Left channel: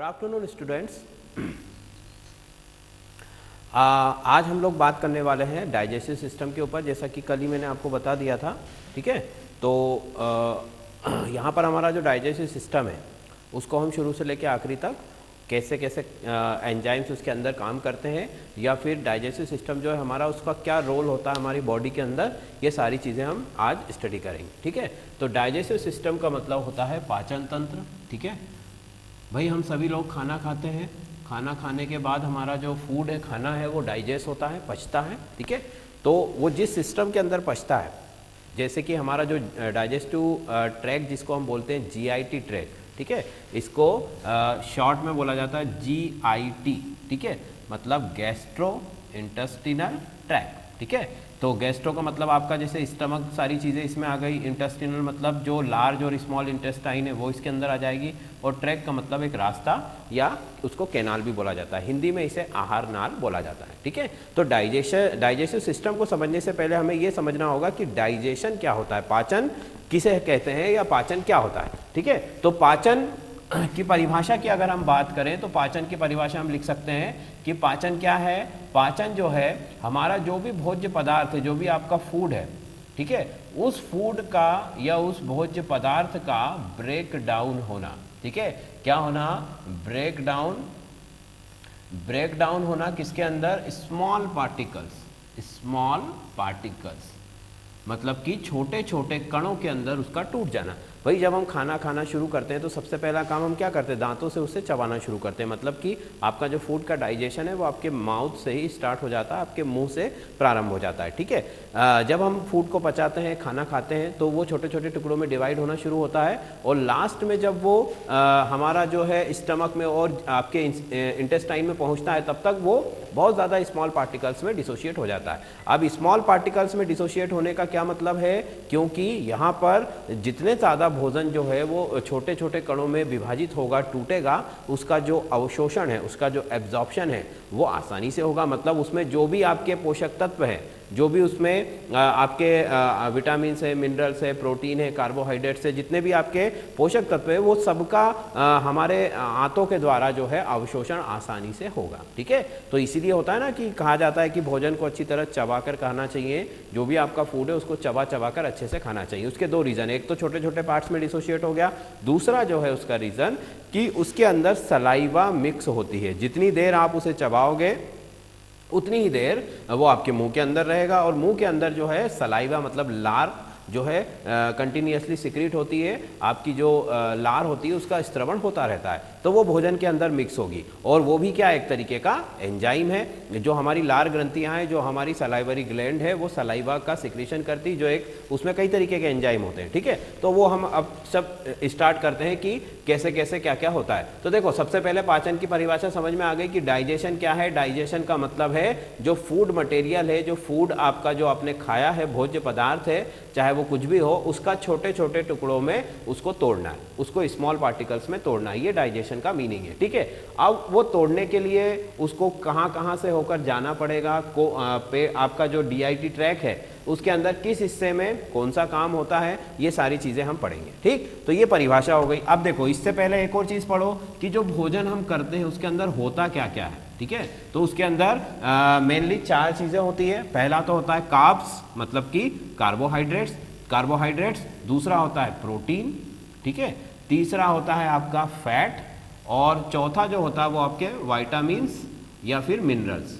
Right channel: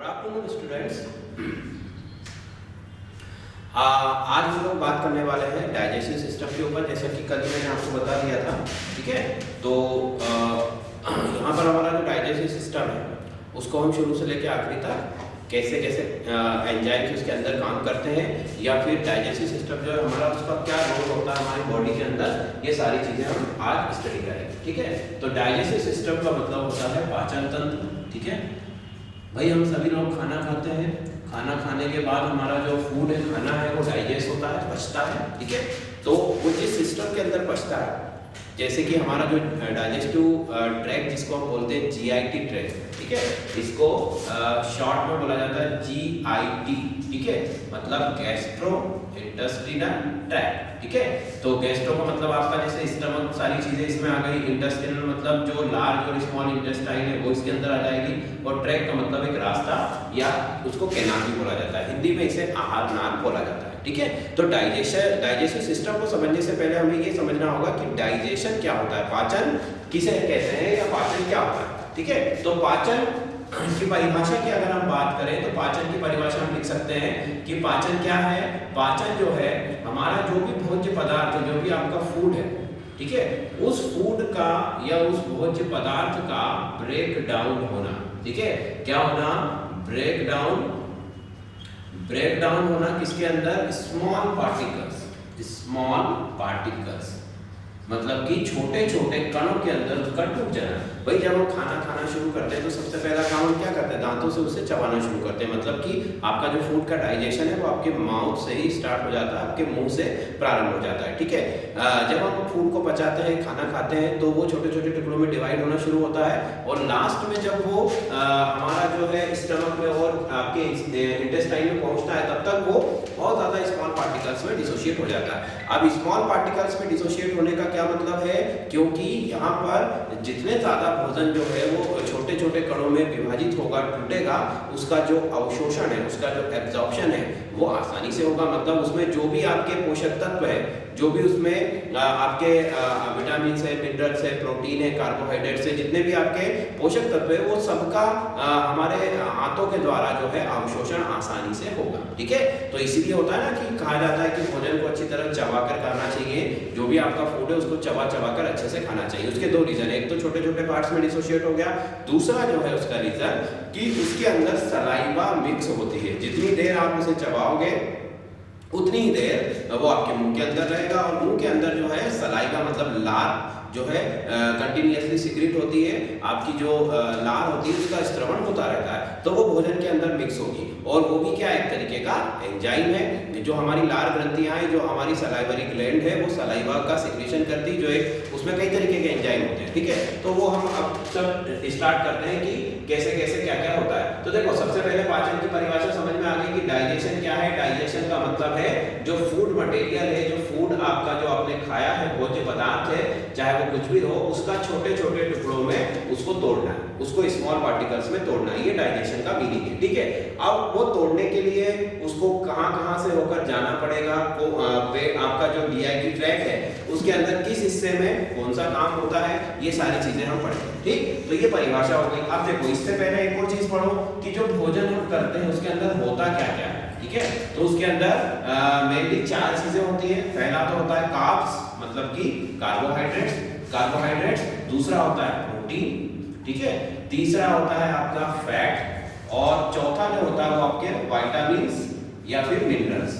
Good afternoon students. आज हम लोग बात करने वाले हैं डाइजेस्टिव सिस्टम के ऊपर, जैसा कि कल ही मैंने आपको बता दिया था। ठीक है, तो यहाँ पर हमारा जो डाइजेस्टिव सिस्टम है उसको हम शुरू से लेकर आखिरी तक कैसे कैसे एंजाइम्स उसके अंदर काम करते हैं, या फिर डाइजेस्टिव सिस्टम जो है हमारा उसका क्या रोल होता है हमारी बॉडी के अंदर, ये सारी चीज़ें हम आज स्टडी करेंगे। ठीक है, तो डाइजेस्टिव सिस्टम का मतलब होता है पाचन तंत्र। ठीक है भाई, हम सभी लोग खाना खाते हैं, खाना खाने के बाद हमारा जो फूड है, खाना है, वो डाइजेस्ट होता है, पचता है। ठीक है, तो वो जिस सिस्टम के अंदर पचता है, जैसे कि हमारा जो डाइजेस्टिव ट्रैक जिसको हम बोलते हैं जीआईटी ट्रैक, ठीक है, इसको शॉर्ट में बोला जाता है जीआईटी। ठीक है, मतलब गैस्ट्रो इंटेस्टिनल ट्रैक्ट। ठीक है, तो गैस्ट्रो का मतलब आपका जैसे स्टमक, सारी चीज़ें इसमें आ गई। इंटेस्टिनल मतलब जो लार्ज और स्मॉल इंटेस्टाइन है वो इसके अंदर आ जाएगी, और ट्रैक का मतलब एक रास्ता, या उसको कैनाल भी बोला जाता है, हिंदी में इसे आहार नाल बोला जाता है। ठीक है, तो डाइजेस्टिव सिस्टम को समझने से पहले हमें ये समझना होगा कि डाइजेशन क्या होता है, पाचन किसे कहते हैं, या पाचन क्या होता है। ठीक है, तो पाचन की परिभाषा की अगर हम बात करें तो पाचन की परिभाषा हम लिख सकते हैं कि पाचन क्या है। पाचन जो है हमारा जो भी भोज्य पदार्थ है, जो भी आपका फूड है, ठीक है, उस फूड का या उस भोज्य पदार्थ का ब्रेक डाउन होना। ठीक है, क्या होना, ब्रेक डाउन होना किसके अंदर, स्मॉल पार्टिकल्स, मतलब कि छोटे छोटे कणों के अंदर उसका टूट जाना। भाई, जब हम खाना खाना शुरू करते हैं तो सबसे पहला काम हम क्या करते हैं, दांतों से उसे चबाना शुरू करते हैं। मतलब कि आपका जो फूड का डाइजेशन है वो आपके माउथ से ही स्टार्ट हो जाता है, आपके मुंह से प्रारंभ हो जाता है। ठीक है, जब हम फूड को पचाते हैं, खाना खाते हैं, तो वो छोटे छोटे टुकड़ों में डिवाइड होना शुरू होता है, और लास्ट में जब वो हमारा जो है स्टमक में और आपके इंटेस्टाइन में पहुंचता है, तब तक वो बहुत ज़्यादा स्मॉल पार्टिकल्स में डिसोशिएट हो जाता है। अब स्मॉल पार्टिकल्स में डिसोशिएट होने का क्या मतलब है, क्योंकि यहाँ पर जितने ज़्यादा भोजन जो है वो छोटे छोटे कणों में विभाजित होगा, टूटेगा, उसका जो अवशोषण है, उसका जो एब्जॉर्प्शन है वो आसानी से होगा। मतलब उसमें जो भी आपके पोषक तत्व है, जो भी उसमें आपके विटामिन है, मिनरल्स है, प्रोटीन है, कार्बोहाइड्रेट्स है, जितने भी आपके पोषक तत्व है, वो सबका हमारे हाथों के द्वारा जो है अवशोषण आसानी से होगा। ठीक है, तो इसीलिए होता है ना कि कहा जाता है कि भोजन को अच्छी तरह चबाकर खाना चाहिए, जो भी आपका फूड है उसको चबा कर अच्छे से खाना चाहिए। उसके दो रीजन, एक तो छोटे छोटे पार्ट्स में डिसोशिएट हो गया, दूसरा जो है उसका रीजन कि उसके अंदर सलाइवा मिक्स होती है। जितनी देर आप उसे चबाओगे उतनी ही देर वो आपके मुंह के अंदर रहेगा, और मुंह के अंदर जो है सलाइवा मतलब लार जो है कंटिन्यूअसली सिक्रीट होती है, आपकी जो लार होती है उसका स्त्रवण होता रहता है, तो वो भोजन के अंदर मिक्स होगी। और वो भी क्या, एक तरीके का एंजाइम है। जो हमारी लार ग्रंथियां हैं, जो हमारी सलाइवरी ग्लैंड है, वो सलाइवा का सिक्रेशन करती, जो एक उसमें कई तरीके के एंजाइम होते हैं। ठीक है, तो वो हम अब सब स्टार्ट करते हैं कि कैसे कैसे क्या क्या होता है। तो देखो, सबसे पहले पाचन की परिभाषा समझ में आ गई कि डाइजेशन क्या है। डाइजेशन का मतलब है जो फूड मटेरियल है, जो फूड आपका जो आपने खाया है, भोज्य पदार्थ है, चाहे कुछ भी हो, उसका छोटे छोटे टुकड़ों में उसको तोड़ना है, उसको स्मॉल पार्टिकल्स में तोड़ना है, ये डाइजेशन का मीनिंग है। ठीक है, अब वो तोड़ने के लिए उसको कहां से होकर जाना पड़ेगा, आपका जो जीआईटी ट्रैक है उसके अंदर किस हिस्से में कौन सा काम होता है, ये सारी चीजें हम पढ़ेंगे। ठीक, तो ये परिभाषा हो गई। अब देखो, इससे पहले एक और चीज पढ़ो कि जो भोजन हम करते हैं उसके अंदर होता क्या क्या है। ठीक है, तो उसके अंदर मेनली 4 चीजें होती है। पहला तो होता है कार्ब्स, मतलब कि कार्बोहाइड्रेट्स, दूसरा होता है प्रोटीन, ठीक है, तीसरा होता है आपका फैट, और चौथा जो होता है वो आपके विटामिन्स या फिर मिनरल्स।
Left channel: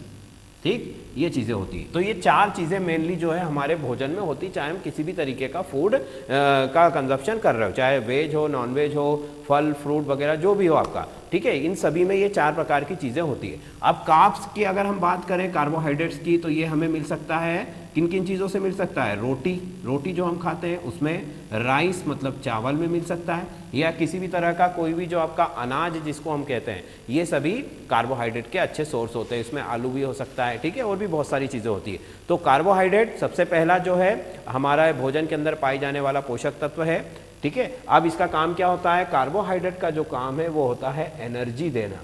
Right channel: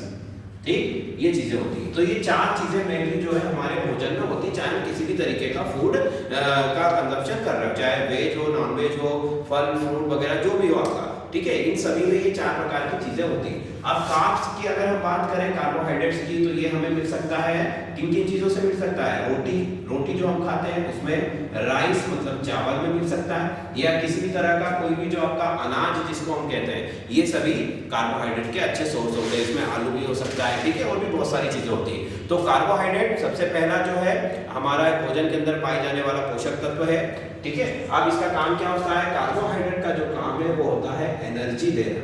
ठीक, ये चीजें होती है। तो ये 4 चीजें मेनली जो है हमारे भोजन में होती है, चाहे हम किसी भी तरीके का फूड का कंजप्शन कर रहे हो, चाहे वेज हो, नॉन वेज हो, फल फ्रूट वगैरह जो भी हो आपका। ठीक है, इन सभी में ये 4 प्रकार की चीजें होती हैं। अब कार्ब्स की अगर हम बात करें, कार्बोहाइड्रेट्स की, तो ये हमें मिल सकता है किन किन चीजों से मिल सकता है, रोटी जो हम खाते हैं उसमें, राइस मतलब चावल में मिल सकता है, या किसी भी तरह का कोई भी जो आपका अनाज जिसको हम कहते हैं, ये सभी कार्बोहाइड्रेट के अच्छे सोर्स होते हैं। इसमें आलू भी हो सकता है, ठीक है, और भी बहुत सारी चीजें होती है। तो कार्बोहाइड्रेट सबसे पहला जो है हमारा भोजन के अंदर पाए जाने वाला पोषक तत्व है। ठीक है, अब इसका काम क्या होता है, कार्बोहाइड्रेट का जो काम है वो होता है एनर्जी देना,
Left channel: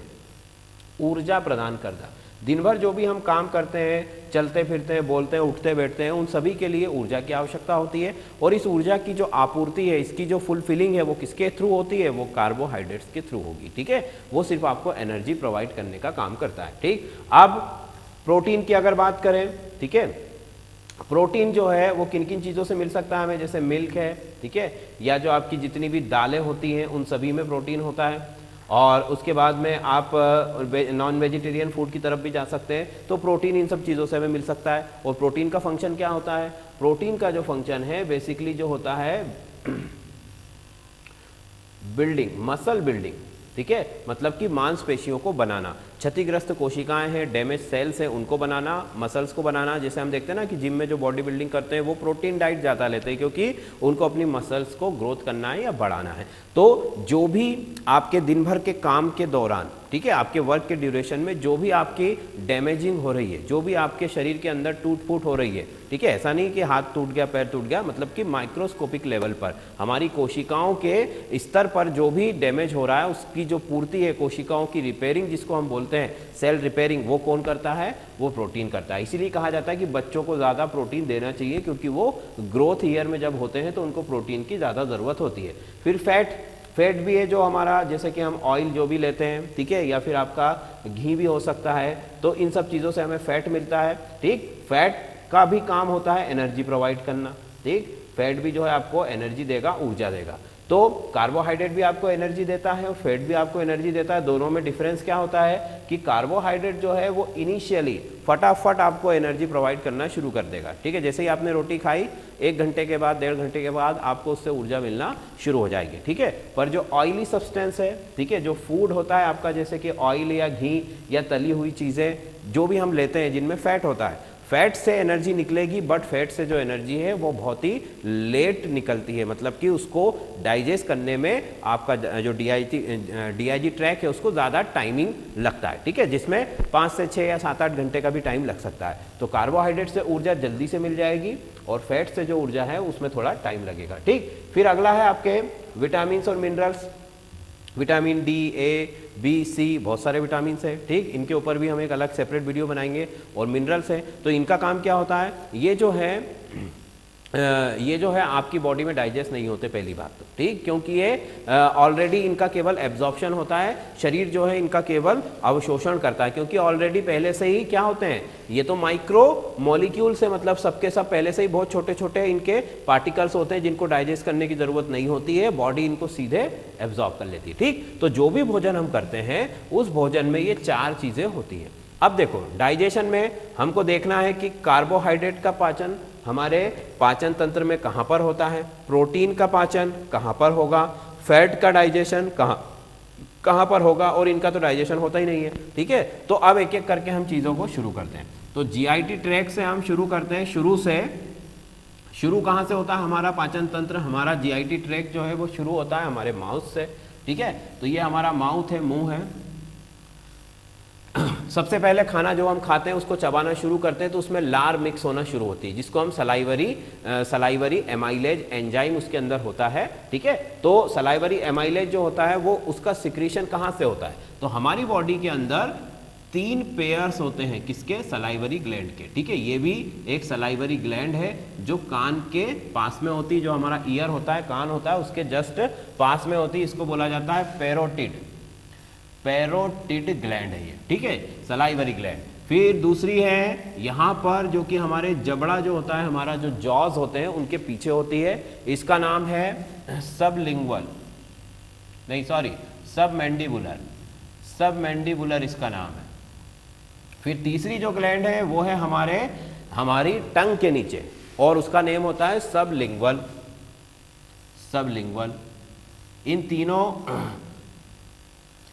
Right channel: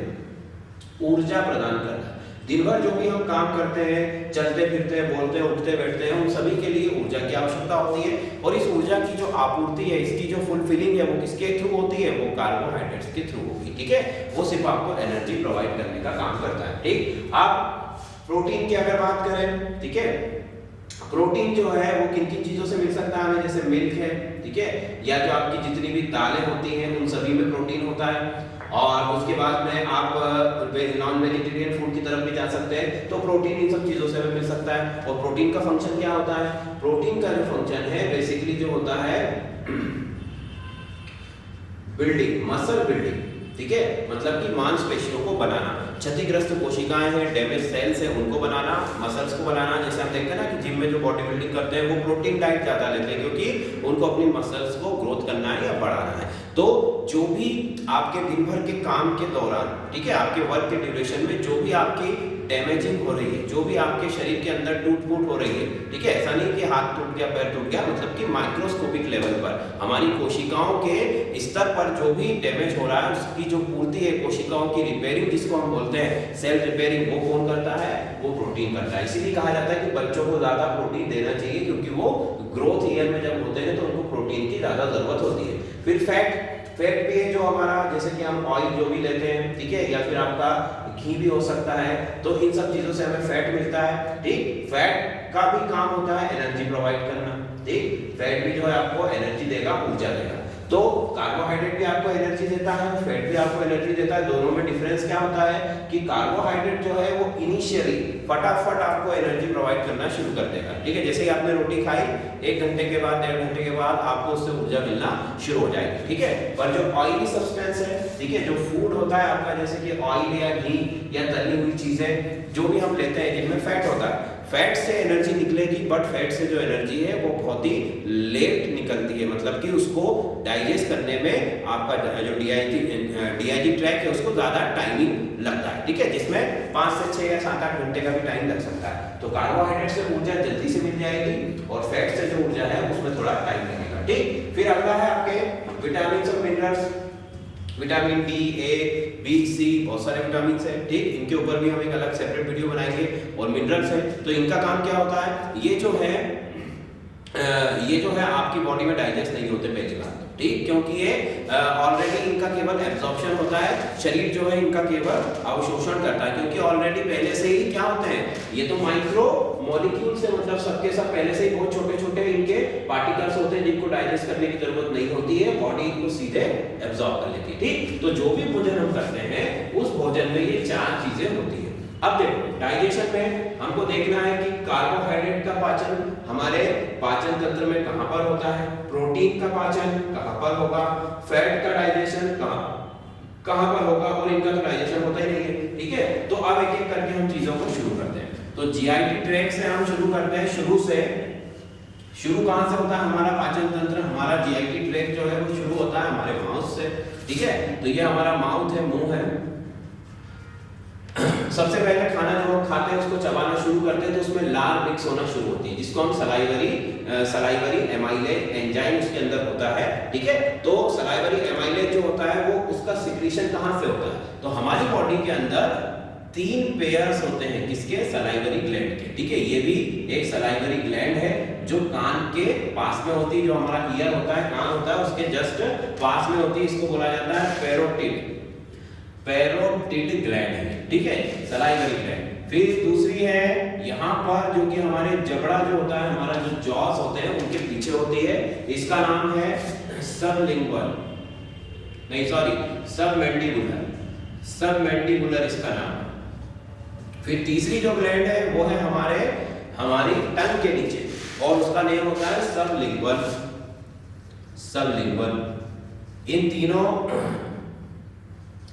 ऊर्जा प्रदान करना। दिन भर जो भी हम काम करते हैं, चलते फिरते हैं, बोलते हैं, उठते बैठते हैं, उन सभी के लिए ऊर्जा की आवश्यकता होती है। और इस ऊर्जा की जो आपूर्ति है, इसकी जो फुलफिलिंग है, वो किसके थ्रू होती है? वो कार्बोहाइड्रेट्स के थ्रू होगी। ठीक है, वो सिर्फ आपको एनर्जी प्रोवाइड करने का काम करता है। ठीक, अब प्रोटीन की अगर बात करें, ठीक है, प्रोटीन जो है वो किन किन चीज़ों से मिल सकता है हमें? जैसे मिल्क है, ठीक है, या जो आपकी जितनी भी दालें होती हैं उन सभी में प्रोटीन होता है। और उसके बाद में आप नॉन वेजिटेरियन फूड की तरफ भी जा सकते हैं, तो प्रोटीन इन सब चीज़ों से हमें मिल सकता है। और प्रोटीन का फंक्शन क्या होता है? प्रोटीन का जो फंक्शन है बेसिकली जो होता है बिल्डिंग, मसल बिल्डिंग। ठीक है, मतलब कि मांसपेशियों को बनाना, क्षतिग्रस्त कोशिकाएं हैं, डैमेज सेल्स हैं, उनको बनाना, मसल्स को बनाना। जैसे हम देखते हैं ना कि जिम में जो बॉडी बिल्डिंग करते हैं वो प्रोटीन डाइट ज़्यादा लेते हैं, क्योंकि उनको अपनी मसल्स को ग्रोथ करना है या बढ़ाना है। तो जो भी आपके दिन भर के काम के दौरान, ठीक है, आपके वर्क के ड्यूरेशन में जो भी आपकी डैमेजिंग हो रही है, जो भी आपके शरीर के अंदर टूट फूट हो रही है, ठीक है, ऐसा नहीं कि हाथ टूट गया, पैर टूट गया, मतलब कि माइक्रोस्कोपिक लेवल पर हमारी कोशिकाओं के स्तर पर जो भी डैमेज हो रहा है उसकी जो पूर्ति है, कोशिकाओं की रिपेयरिंग जिसको हम बोलते हैं सेल रिपेयरिंग, वो कौन करता है? वो प्रोटीन करता है। इसीलिए कहा जाता है कि बच्चों को ज़्यादा प्रोटीन देना चाहिए, क्योंकि वो ग्रोथ ईयर में जब होते हैं तो उनको प्रोटीन की ज़्यादा ज़रूरत होती है। फिर फैट भी है जो हमारा, जैसे कि हम ऑयल जो भी लेते हैं, ठीक है, या फिर आपका घी भी हो सकता है, तो इन सब चीज़ों से हमें फैट मिलता है। ठीक, फैट का भी काम होता है एनर्जी प्रोवाइड करना। ठीक, फैट भी जो है आपको एनर्जी देगा, ऊर्जा देगा। तो कार्बोहाइड्रेट भी आपको एनर्जी देता है, फैट भी आपको एनर्जी देता है। दोनों में डिफरेंस क्या होता है कि कार्बोहाइड्रेट जो है वो इनिशियली फटाफट आपको एनर्जी प्रोवाइड करना शुरू कर देगा। ठीक है, जैसे ही आपने रोटी खाई 1 घंटे के बाद, 1.5 घंटे के बाद आपको उससे ऊर्जा मिलना शुरू हो जाएगी। ठीक है, पर जो ऑयली सब्सटेंस है, ठीक है, जो फूड होता है आपका, जैसे कि ऑयल या घी या तली हुई चीजें जो भी हम लेते हैं जिनमें फैट होता है, फैट से एनर्जी निकलेगी, बट फैट से जो एनर्जी है वो बहुत ही लेट निकलती है, मतलब कि उसको डाइजेस्ट करने में आपका जो डीआईजी ट्रैक है उसको ज़्यादा टाइमिंग लगता है। ठीक है, जिसमें 5 से 6 या 7-8 घंटे का भी टाइम लग सकता है। तो कार्बोहाइड्रेट से ऊर्जा जल्दी से मिल जाएगी और फैट से जो ऊर्जा है उसमें थोड़ा टाइम लगेगा। ठीक, फिर अगला है आपके विटामिन और मिनरल्स। विटामिन डी, ए, बी, सी, बहुत सारे विटामिन है। ठीक, इनके ऊपर भी हम एक अलग सेपरेट वीडियो बनाएंगे। और मिनरल्स है, तो इनका काम क्या होता है? ये जो है आपकी बॉडी में डाइजेस्ट नहीं होते पहली बात तो, ठीक, क्योंकि ये ऑलरेडी इनका केवल एब्जॉर्प्शन होता है, शरीर जो है इनका केवल अवशोषण करता है, क्योंकि ऑलरेडी पहले से ही क्या होते हैं, ये तो माइक्रो मॉलिक्यूल से, मतलब सबके सब पहले से ही बहुत छोटे छोटे इनके पार्टिकल्स होते हैं जिनको डाइजेस्ट करने की जरूरत नहीं होती है, बॉडी इनको सीधे एब्जॉर्ब कर लेती है। ठीक, तो जो भी भोजन हम करते हैं उस भोजन में ये 4 चीजें होती है। अब देखो, डाइजेशन में हमको देखना है कि कार्बोहाइड्रेट का पाचन हमारे पाचन तंत्र में कहाँ पर होता है, प्रोटीन का पाचन कहाँ पर होगा, फैट का डाइजेशन कहाँ पर होगा, और इनका तो डाइजेशन होता ही नहीं है। ठीक है, तो अब एक एक करके हम चीज़ों को शुरू करते हैं। तो जीआईटी ट्रैक्ट से हम शुरू करते हैं, शुरू कहाँ से होता है हमारा पाचन तंत्र? हमारा जीआईटी ट्रैक्ट जो है वो शुरू होता है हमारे माउथ से। ठीक है, तो ये हमारा माउथ है, मुंह है। सबसे पहले खाना जो हम खाते हैं उसको चबाना शुरू करते हैं तो उसमें लार मिक्स होना शुरू होती है, जिसको हम सलाइवरी एमाइलेज एंजाइम उसके अंदर होता है। ठीक है, तो सलाइवरी एमाइलेज जो होता है वो उसका सिक्रीशन कहाँ से होता है? तो हमारी बॉडी के अंदर 3 पेयर्स होते हैं, किसके? सलाइवरी ग्लैंड के। ठीक है, ये भी एक सलाइवरी ग्लैंड है जो कान के पास में होती है, जो हमारा ईयर होता है, कान होता है, उसके जस्ट पास में होती है। इसको बोला जाता है पैरोटिड ग्लैंड है। ठीक है, सलाइवरी ग्लैंड। फिर दूसरी है यहाँ पर, जो कि हमारे जबड़ा जो होता है, हमारा जो जॉज होते हैं उनके पीछे होती है, इसका नाम है सबमैंडिबुलर इसका नाम। फिर तीसरी जो ग्लैंड है वो है हमारी टंग के नीचे, और उसका नेम होता है सबलिंगुअल। इन तीनों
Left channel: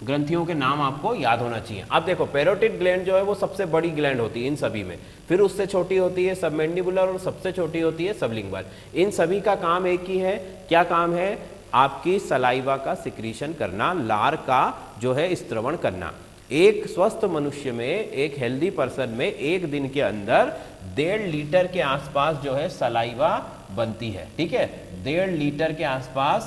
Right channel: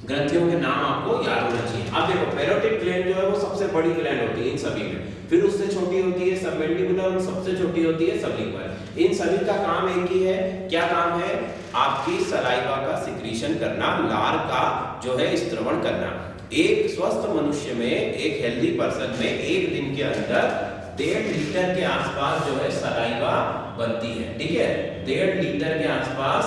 ग्रंथियों के नाम आपको याद होना चाहिए। अब देखो, पैरोटिड ग्लैंड जो है वो सबसे बड़ी ग्लैंड होती है इन सभी में, फिर उससे छोटी होती है सबमैंडिबुलर, और सबसे छोटी होती है सबलिंगुअल। इन सभी का काम एक ही है। क्या काम है? आपकी सलाइवा का सिक्रीशन करना, लार का जो है स्त्रवण करना। एक स्वस्थ मनुष्य में, एक हेल्दी पर्सन में 1 दिन के अंदर 1.5 लीटर के आसपास जो है सलाइवा बनती है। ठीक है, 1.5 लीटर के आसपास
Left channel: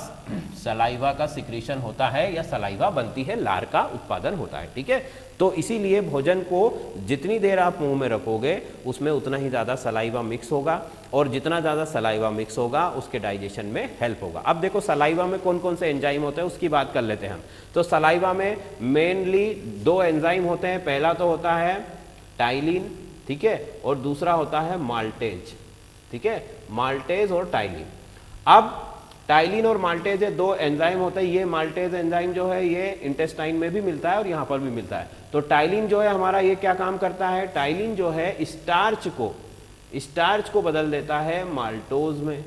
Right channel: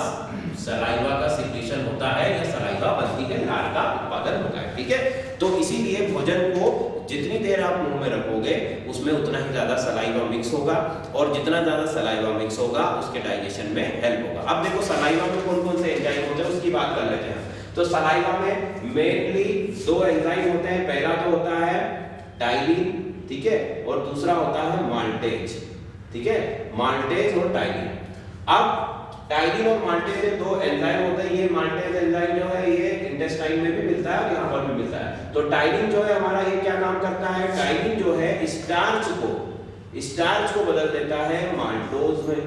सलाइवा का सिक्रीशन होता है या सलाइवा बनती है, लार का उत्पादन होता है। ठीक है, तो इसीलिए भोजन को जितनी देर आप मुंह में रखोगे उसमें उतना ही ज़्यादा सलाइवा मिक्स होगा, और जितना ज़्यादा सलाइवा मिक्स होगा उसके डाइजेशन में हेल्प होगा। अब देखो सलाइवा में कौन कौन से एंजाइम होते हैं उसकी बात कर लेते हैं। तो सलाइवा में मेनली 2 एंजाइम होते हैं। पहला तो होता है टाइलिन, ठीक है, और दूसरा होता है माल्टेज। ठीक है, माल्टेज और टाइलिन। अब टाइलिन और माल्टेज ये 2 एंजाइम होते हैं। ये माल्टेज एंजाइम जो है ये इंटेस्टाइन में भी मिलता है और यहाँ पर भी मिलता है। तो टाइलिन जो है हमारा ये क्या काम करता है, टाइलिन जो है स्टार्च को बदल देता है माल्टोज में।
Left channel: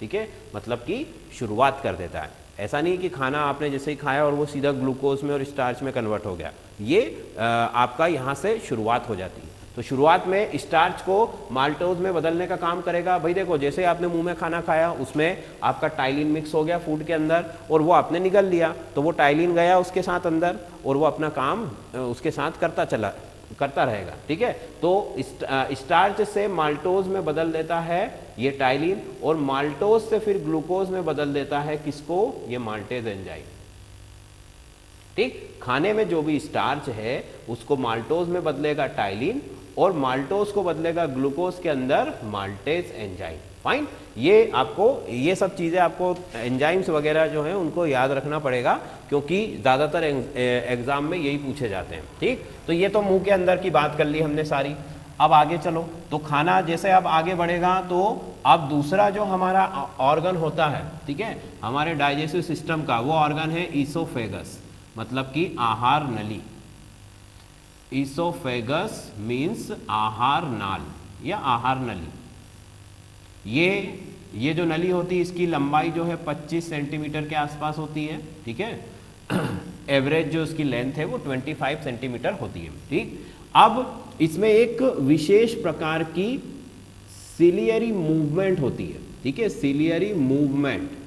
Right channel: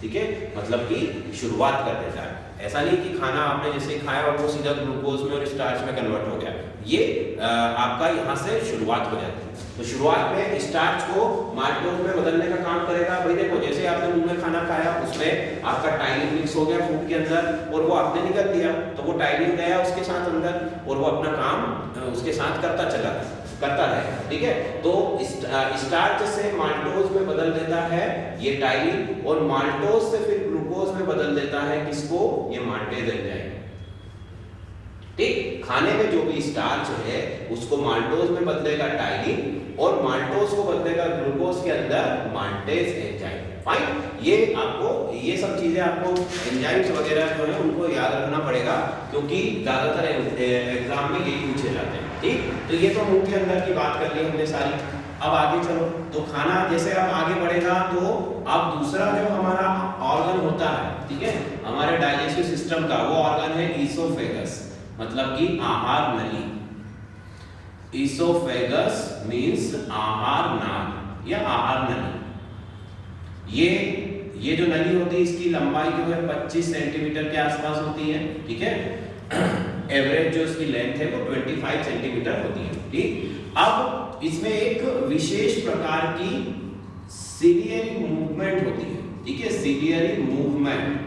ठीक है, मतलब कि शुरुआत कर देता है। ऐसा नहीं कि खाना आपने जैसे खाया और वो सीधा ग्लूकोज में और स्टार्च में कन्वर्ट हो गया, ये आपका यहाँ से शुरुआत हो जाती है। तो शुरुआत में स्टार्च को माल्टोज में बदलने का काम करेगा। भाई देखो, जैसे आपने मुंह में खाना खाया उसमें आपका टाइलिन मिक्स हो गया फूड के अंदर और वो आपने निगल दिया, तो वो टाइलिन गया उसके साथ अंदर और वो अपना काम उसके साथ करता रहेगा। ठीक है, तो स्टार्च से माल्टोज में बदल देता है ये टाइलिन, और माल्टोज से फिर ग्लूकोज में बदल देता है किसको, ये माल्टेज एंजाइम। ठीक, खाने में जो भी स्टार्च है उसको माल्टोज में बदलेगा टाइलिन, और माल्टोज को बदलेगा ग्लूकोज के अंदर माल्टेज एंजाइम। फाइन, ये सब चीजें आपको एंजाइम्स वगैरह जो है उनको याद रखना पड़ेगा, क्योंकि ज्यादातर एग्जाम में यही पूछे जाते हैं। ठीक, तो ये तो मुंह के अंदर की बात कर ली हमने सारी। अब आगे चलो, तो खाना जैसे अब आगे बढ़ेगा तो अब दूसरा जो हमारा ऑर्गन होता है, ठीक है, हमारे डाइजेस्टिव सिस्टम का, वो ऑर्गन है ईसोफेगस, मतलब कि आहार नली। ईसोफेगस मीन्स आहार नाल या आहार नली। ये जो नली होती है इसकी लंबाई जो है 25 सेंटीमीटर के आसपास होती है। ठीक है, एवरेज जो इसकी लेंथ है वो 25 सेंटीमीटर होती है। ठीक, अब इसमें एक विशेष प्रकार की सिलियरी मूवमेंट होती है। ठीक है, सिलियरी मूवमेंट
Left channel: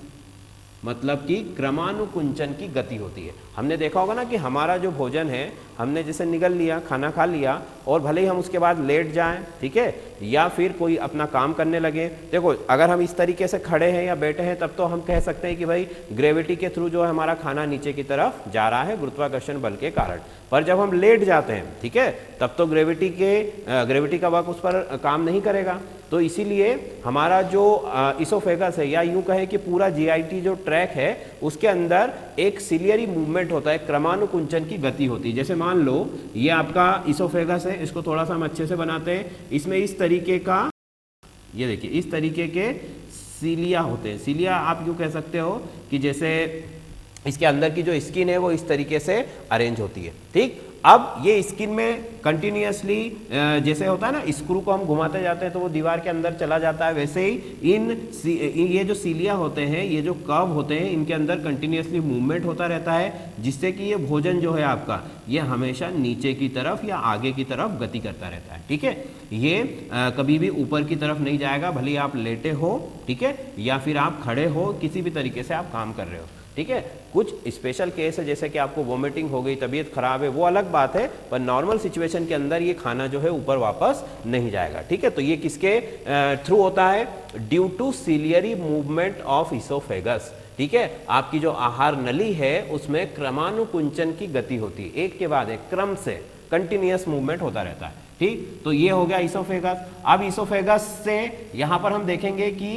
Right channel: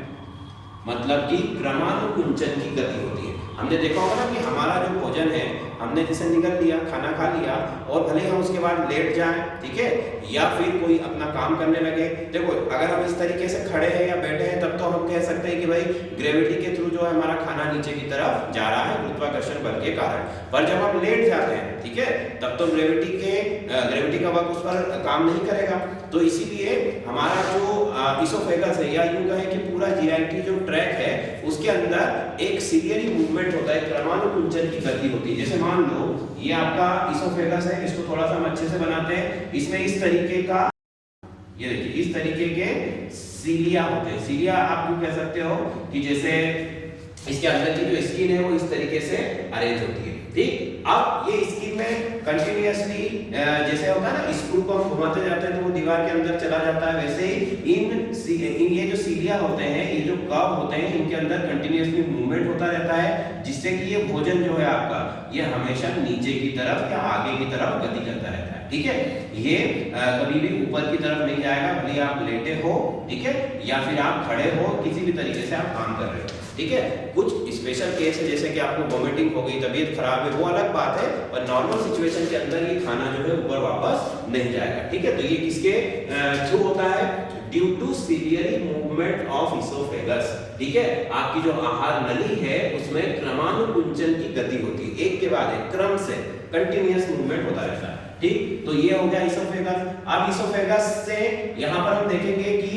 मतलब कि क्रमानुकुंचन की गति होती है। हमने देखा होगा ना कि हमारा जो भोजन है हमने जैसे निगल लिया, खाना खा लिया, और भले ही हम उसके बाद लेट जाएं, ठीक है, या फिर कोई अपना काम करने लगे। देखो, अगर हम इस तरीके से खड़े हैं या बैठे हैं तब तो हम कह सकते हैं कि भाई ग्रेविटी के थ्रू जो है हमारा खाना नीचे की तरफ जा रहा है गुरुत्वाकर्षण बल के कारण। पर जब हम लेट जाते हैं, ठीक है, तब तो ग्रेविटी का वर्क उस पर काम नहीं करेगा। तो इसीलिए हमारा जो ईसोफेगस है, या यूं कहें कि पूरा जीआईटी जो ट्रैक है उसके अंदर एक सिलियरी मूवमेंट होता है, क्रमानुकुंचन की गति होती है। जैसे मान लो ये आपका ईसोफेगस है, इसको थोड़ा सा हम अच्छे से बनाते हैं। इसमें इस तरीके का, ये देखिए, इस तरीके के सीलिया होते हैं। सीलिया आप यूं कह सकते हो कि जैसे इसके अंदर की जो स्किन है वो इस तरीके से अरेंज होती है। ठीक, अब ये स्किन में कंटिन्यूअसली जैसे होता है ना, स्क्रू को हम घुमाते जाते हैं तो वो दीवार के अंदर चला जाता है, वैसे ही इन ये जो सीलिया होते हैं, ये जो कर्व होते हैं, इनके अंदर कंटिन्यूअसली मूवमेंट होता रहता है, जिससे कि ये भोजन जो है आपका ये हमेशा नीचे की तरफ या आगे की तरफ गति करता रहता है। ठीक है, ये कभी भी ऊपर की तरफ नहीं जाएगा, भले आप लेटे हो, ठीक है, या फिर आप खड़े हो, किसी भी तरीके से आप काम कर रहे हो। ठीक है, कुछ स्पेशल केस है जैसे कि आपको वोमिटिंग हो गई, तबीयत खराब है, वो अलग बात है, पर नॉर्मल सिचुएशन के अंदर ये खाना जो है ऊपर वापस नहीं जाएगा। ठीक है, तो ये किसके थ्रू होता है, due to ciliary movement of oesophagus. ठीक है, आपकी जो आहार नली है उसमें क्रमानुकुंचन की गति होती है, एक के बाद एक क्रम से कंटिन्यूअस मूवमेंट होता रहता है। ठीक, तो ये हो गया ईसोफेगस। अब ईसोफेगस से यहाँ पर हम देखेंगे कि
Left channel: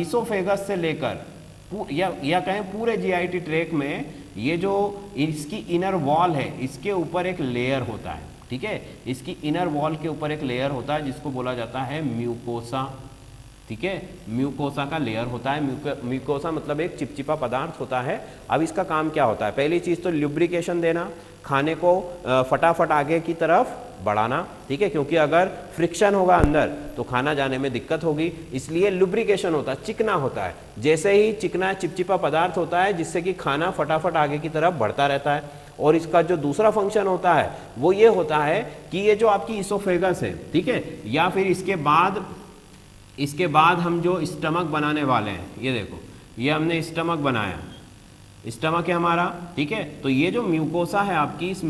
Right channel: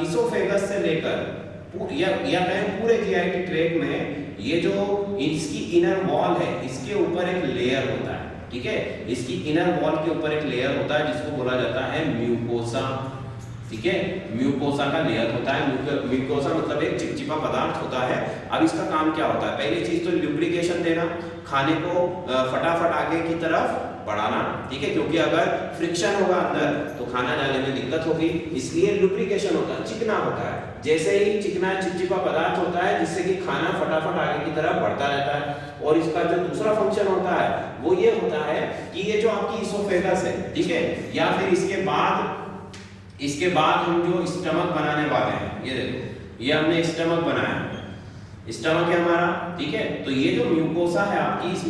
ईसोफेगस से लेकर या कहें पूरे जीआईटी ट्रैक में ये जो इसकी इनर वॉल है, इसके ऊपर एक लेयर होता है। ठीक है, इसकी इनर वॉल के ऊपर एक लेयर होता है जिसको बोला जाता है म्यूकोसा। ठीक है, म्यूकोसा का लेयर होता है। म्यूकोसा मतलब एक चिपचिपा पदार्थ होता है। अब इसका काम क्या होता है, पहली चीज तो ल्यूब्रिकेशन देना, खाने को फटाफट आगे की तरफ बढ़ाना। ठीक है, क्योंकि अगर फ्रिक्शन होगा अंदर तो खाना जाने में दिक्कत होगी, इसलिए लुब्रिकेशन होता है, चिकना होता है। जैसे ही चिकना चिपचिपा पदार्थ होता है जिससे कि खाना फटाफट आगे की तरफ बढ़ता रहता है। और इसका जो दूसरा फंक्शन होता है वो ये होता है कि ये जो आपकी ईसोफेगस है, ठीक है, या फिर इसके बाद हम जो स्टमक बनाने वाले हैं, ये देखो, ये हमने स्टमक बनाया, स्टमक है हमारा। ठीक है, तो ये जो म्यूकोसा है आपकी, इस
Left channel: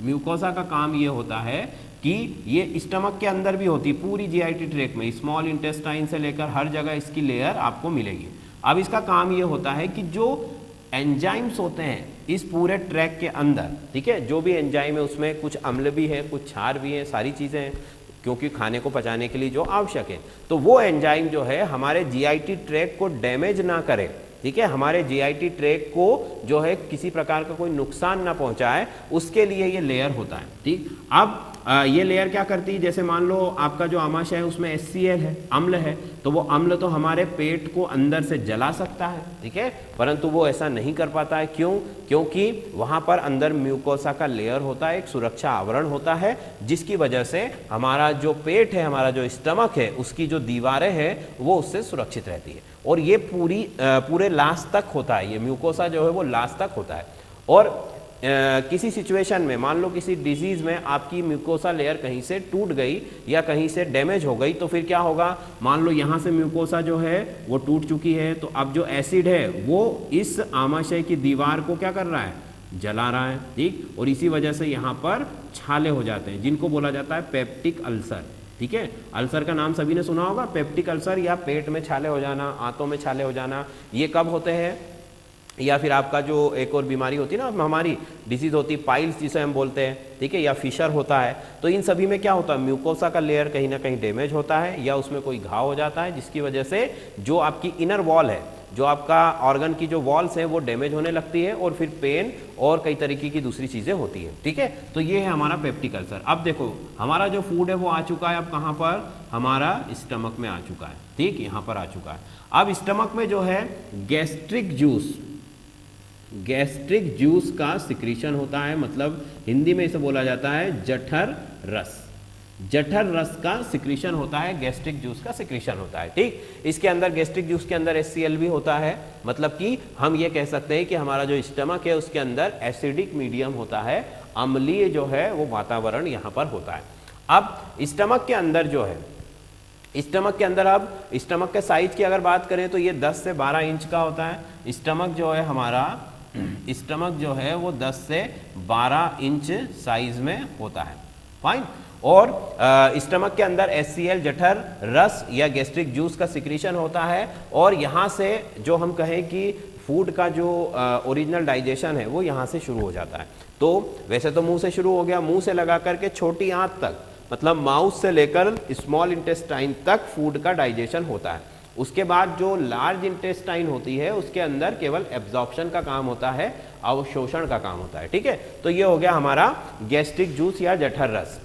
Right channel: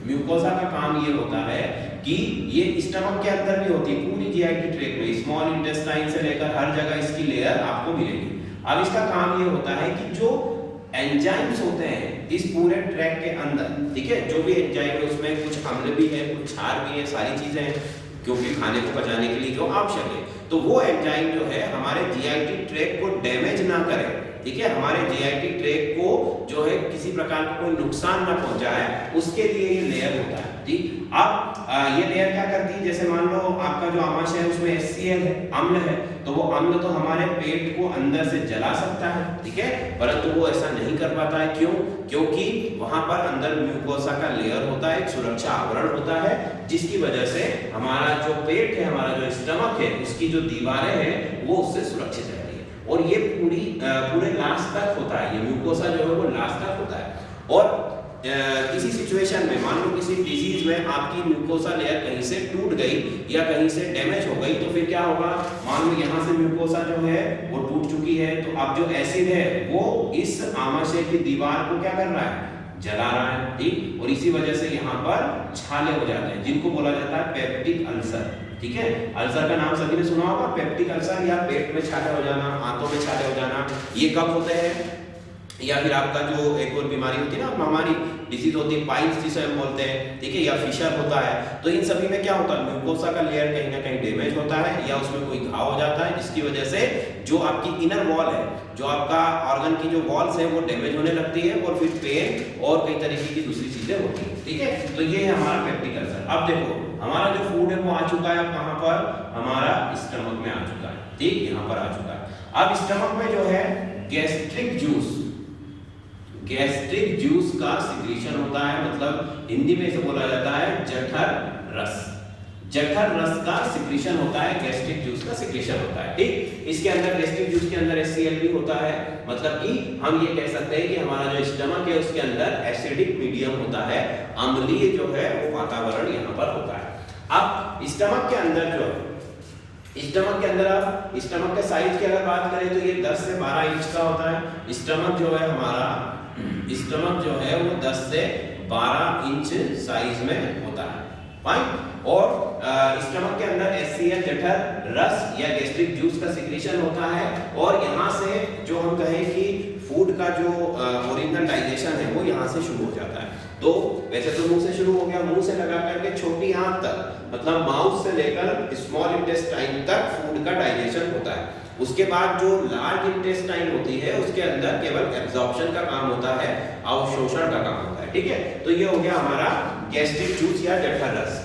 म्यूकोसा का काम ये होता है कि ये स्टमक के अंदर भी होती है, पूरी जीआईटी ट्रैक में स्मॉल इंटेस्टाइन से लेकर हर जगह इसकी लेयर आपको मिलेगी। अब इसका काम ये होता है कि जो एंजाइम्स होते हैं इस पूरे ट्रैक के अंदर, ठीक है, जो भी एंजाइम है उसमें कुछ अम्ल भी है, कुछ क्षार भी है, सारी चीजें हैं, क्योंकि खाने को पचाने के लिए जो आवश्यक है, तो वो एंजाइम जो है हमारे जीआईटी ट्रैक को डैमेज ना करे, ठीक है, हमारे जीआईटी ट्रैक को जो है किसी प्रकार का कोई नुकसान ना पहुंचाए, उसके लिए ये लेयर होता है। ठीक, अब ये लेयर क्या करती है, जैसे मान लो आपका जो आमाशय है उसमें HCl है, अम्ल है, तो वो अम्ल तो हमारे पेट को अंदर से जला सकता है, ठीक है, परंतु वो ऐसा नहीं कर पाता है। क्यों? क्योंकि वहां पर अंदर म्यूकोसा का लेयर होता है, एक सुरक्षा आवरण होता है, जिसकी वजह से हमारा जो पेट है, हमारा जो स्टमक है, उसकी जो दीवारें हैं वो उससे सुरक्षित रहती है। और ये पूरे लास्ट तक होता है, ये म्यूकोसा जो है वो लास्ट तक होता है। और किसी सिचुएशन में मान लो किसी डिजीज में आपकी म्यूकोसा लेयर कहीं से टूट गई या कहीं से डैमेज हो गई, तो फिर क्या होगा, मान लो यहाँ से म्यूकोसा जो है वो टूट चुकी है, तो अब जो एसिड है वो इस आमाशय की दीवार को क्या कर रहा है, जला रहा है। ठीक, और इसी वजह से यहाँ पर छाले हो जाते हैं, जिनको बोला जाता है पेप्टिक अल्सर। ठीक है, अल्सर का नाम सभी ने सुना होगा, पेप्टिक अल्सर, या पेट में छाले हो जाना, आंतों में छाले हो जाना, ये कब होते हैं, या फिर आपका जो एक और बीमारी होती है ना, हमारी डिजीज होती है पाइल्स जिसे हम बोलते हैं, ठीक है, या फिशर होता है, तो इन सभी में क्या होता है, म्यूकोसा का लेयर कहीं ना कहीं डैमेज होता है या उसमें कोई घाव हो जाता है, जिसकी वजह से जो आपकी इनर वॉल है, जो आपका ऑर्गन की जो वॉल्स है वो डैमेज होने लगती है और फिर पेन और कई तरीके की दूसरी चीजें होती है। ठीक है, तो ये है हमारा पेप्टिक अल्सर। अब देखो हमारा जो फूड है वो आ चुका है, अब कहाँ पर, हमारा स्टमक में आ चुका है। ठीक, यहाँ पर आ चुका है। अब स्टमक में जो है गैस्ट्रिक जूस का सिक्रीशन होता है, मतलब हिंदी में इसे बोला जाता है जठर रस। जठर रस का सिक्रीशन होता है, गैस्ट्रिक जूस का सिक्रीशन होता है। ठीक, इसके अंदर गैस्ट्रिक जूस के अंदर HCl भी होता है, मतलब कि हम ये कह सकते हैं कि हमारा जो स्टमक है उसके अंदर एसिडिक मीडियम होता है, अम्लीय जो है वो वातावरण यहाँ पर होता है। अब स्टमक के अंदर जो है, स्टमक के अंदर आप स्टमक के साइज की अगर बात करें तो ये 10 से 12 इंच का होता है। स्टमक जो है हमारा, स्टमक जो है वो 10 से 12 इंच साइज में होता है। फाइन, और स्टमक के अंदर HCl जठर रस या गैस्ट्रिक जूस का सिक्रीशन होता है, और यहाँ से जो हम कहें कि फूड का जो ओरिजिनल डाइजेशन है वो यहाँ से शुरू हो जाता है। तो वैसे तो मुंह से शुरू हो गया, मुंह से लगा करके छोटी आंत तक, मतलब माउथ से लेकर स्मॉल इंटेस्टाइन तक फूड का डाइजेशन होता है। उसके बाद जो लार्ज इंटेस्टाइन होती है उसके अंदर केवल एब्जॉर्प्शन का काम होता है, अवशोषण का काम होता है। ठीक है, तो ये हो गया हमारा गैस्ट्रिक जूस या जठर रस।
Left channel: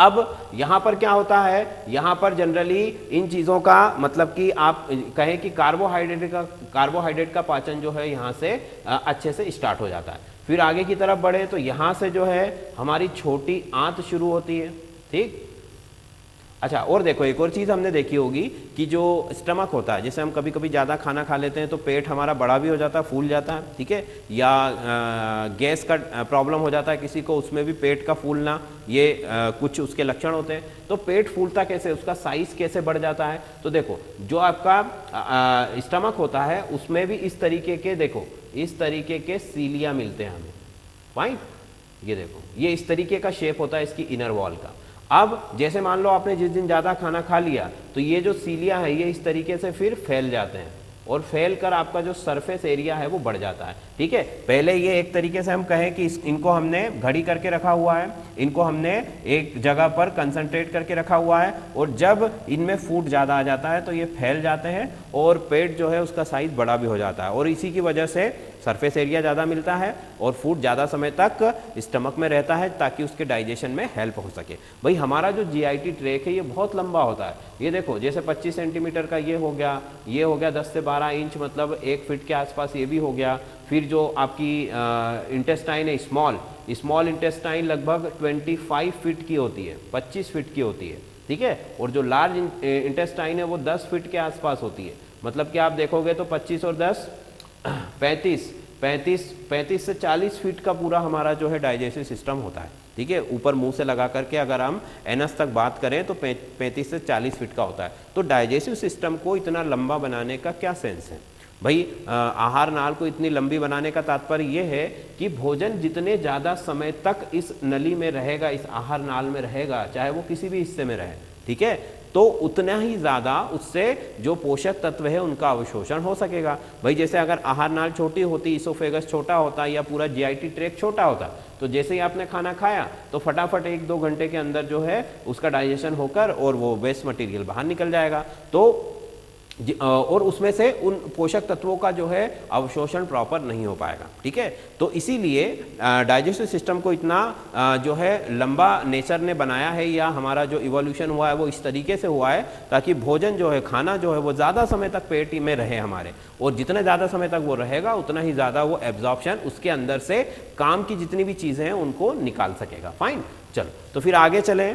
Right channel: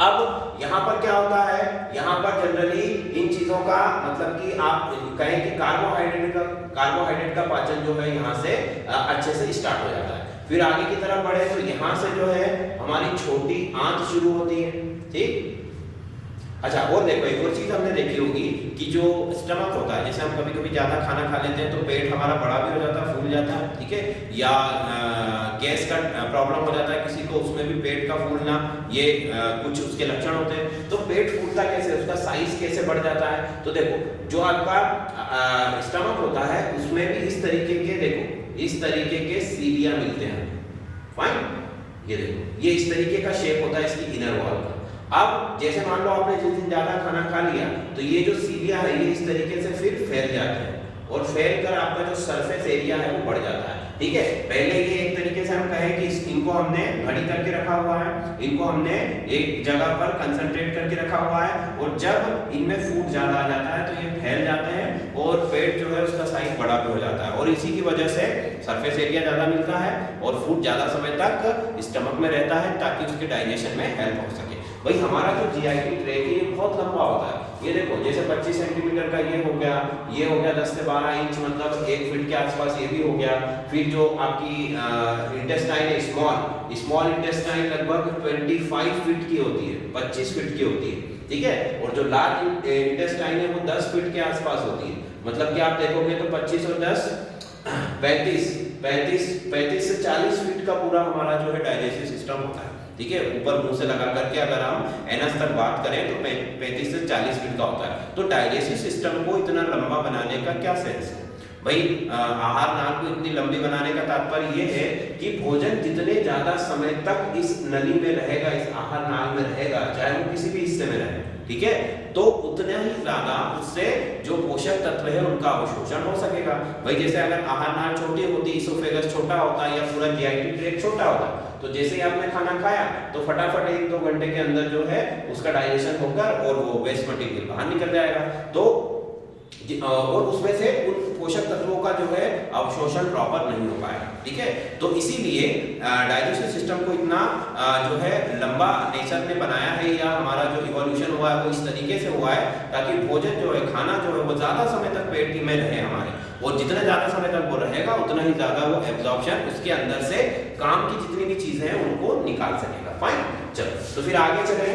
अब यहाँ पर क्या होता है, यहाँ पर जनरली इन चीज़ों का मतलब कि आप कहें कि कार्बोहाइड्रेट का पाचन जो है यहाँ से अच्छे से स्टार्ट हो जाता है। फिर आगे की तरफ बढ़े तो यहाँ से जो है हमारी छोटी आंत शुरू होती है। ठीक, अच्छा, और देखो एक और चीज हमने देखी होगी कि जो स्टमक होता है, जैसे हम कभी कभी ज्यादा खाना खा लेते हैं तो पेट हमारा बड़ा भी हो जाता है, फूल जाता है। ठीक है, या गैस का प्रॉब्लम हो जाता है किसी को, उसमें भी पेट का फूलना, ये कुछ उसके लक्षण होते हैं। तो पेट फूलता कैसे, उसका साइज कैसे बढ़ जाता है, तो देखो जो आपका स्टमक होता है उसमें भी इस तरीके के, देखो इस तरीके के सीलिया मिलते हैं। फाइन, ये देखो ये इस तरीके का शेप होता है इसकी इनर वॉल का। अब जैसे मान लो आपने जिस दिन ज्यादा खाना खा लिया तो ये जो सीलिया है ये इस तरीके से फिर फैल जाते हैं, और फैल कर आपका जो सरफेस एरिया है वो बढ़ जाता है। ठीक है, पहले ये एक तरीके से हम कहें कि इनको हमने घड़ी करके रखा हुआ है, इनको हमने एक जगह पर कंसंट्रेट करके रखा हुआ है, और जब इनमें फूड ज्यादा आ जाता है तो ये फैल जाते हैं और पेट जो है उसका साइज बड़ा भी हो जाता है, और इसी की वजह से सरफेस एरिया ज्यादा मिलता है और फूड ज्यादा समय तक स्टमक में रहता है ताकि उसके डाइजेशन में हेल्प हो सके। भाई हमारा जो जीआईटी ट्रैक है ये बहुत लंबा होता है, ये देखो जैसे 25 सेंटीमीटर का ये हो गया, ये हो गया 10 से 12 इंच, मतलब 1 फीट के आसपास ये भी हो गया। फिर जो आपकी इंटेस्टाइन है स्मॉल इंटेस्टाइन लगभग 25 फीट की होती है, 25 फीट की होती है। ठीक है, और जो लार्ज इंटेस्टाइन है वो 10 फीट के आसपास होती है, मतलब कि आप देखोगे तो 25 और 10 35 से 40 फीट का पूरा हमारा जो है डाइजेस्टिव सिस्टम होता है। ठीक है, ऊपर मुंह से लगा करके अगर हम एनस तक बात करें तो 35 से 40 फीट का होता है। तो डाइजेस्टिव सिस्टम को इतना लंबा बनाने का क्या सेंस है भाई आहार नाल को इतनी लंबी बनाने का तात्पर्य ये है कि भोजन जितने ज्यादा समय तक इस नली में रहेगा, इस आहार नाल में रहेगा, चाहे वो किसी भी हिस्से में रहे, ठीक है, तो उतना ही ज्यादा उससे जो पोषक तत्व है उनका अवशोषण हो सकेगा। भाई जैसे अगर आहार नाल छोटी होती, इसोफेगस छोटा होता या पूरा जीआईटी ट्रैक्ट छोटा होता, तो जैसे ही आपने खाना खाया तो फटाफट 1-2 घंटे के अंदर जो है उसका डाइजेशन होकर और वो वेस्ट मटेरियल बाहर निकल जाएगा, तो और उसमें से उन पोषक तत्वों का जो है अवशोषण प्रॉपर नहीं हो पाएगा, ठीक है। तो इसीलिए डाइजेस्टिव सिस्टम को इतना जो है लंबा नेचर ने बनाया है, या हमारा जो इवोल्यूशन हुआ है वो इस तरीके से हुआ है ताकि भोजन जो है, खाना जो है वो ज़्यादा समय तक पेट में रहे हमारे, और जितने ज़्यादा समय तक वो रहेगा उतना ही ज़्यादा वो एब्जॉर्प्शन उसके अंदर से काम की जितनी भी चीज़ें हैं उनको निकाल सकेगा। फाइन, चलो तो फिर आगे चले।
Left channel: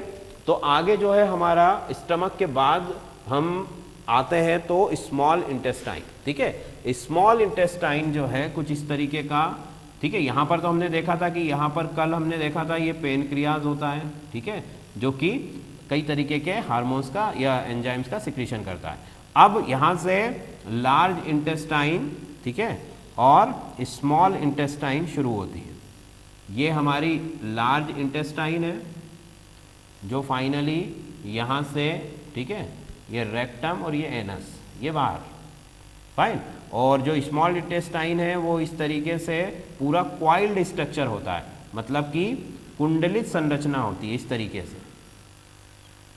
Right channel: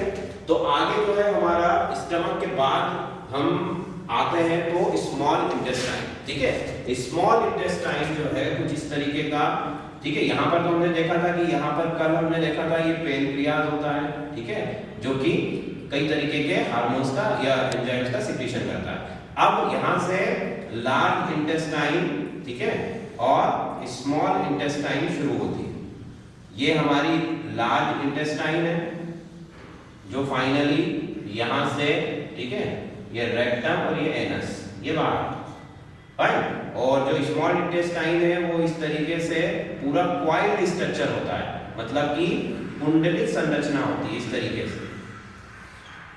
तो आगे जो है हमारा स्टमक के बाद हम आते हैं तो स्मॉल इंटेस्टाइन, ठीक है। स्मॉल इंटेस्टाइन जो है कुछ इस तरीके का, ठीक है। यहाँ पर तो हमने देखा था कि यहाँ पर कल हमने देखा था ये पेनक्रियाज होता है, ठीक है, जो कि कई तरीके के हार्मोन्स का या एंजाइम्स का सिक्रीशन करता है। अब यहाँ से लार्ज इंटेस्टाइन, ठीक है, और स्मॉल इंटेस्टाइन शुरू होती है। ये हमारी लार्ज इंटेस्टाइन है जो फाइनली यहाँ से, ठीक है, ये रेक्टम और ये एनस, ये बाहर, फाइन। और जो स्मॉल इंटेस्टाइन है वो इस तरीके से पूरा क्वाइल्ड स्ट्रक्चर होता है, मतलब कि कुंडलित संरचना होती है इस तरीके से,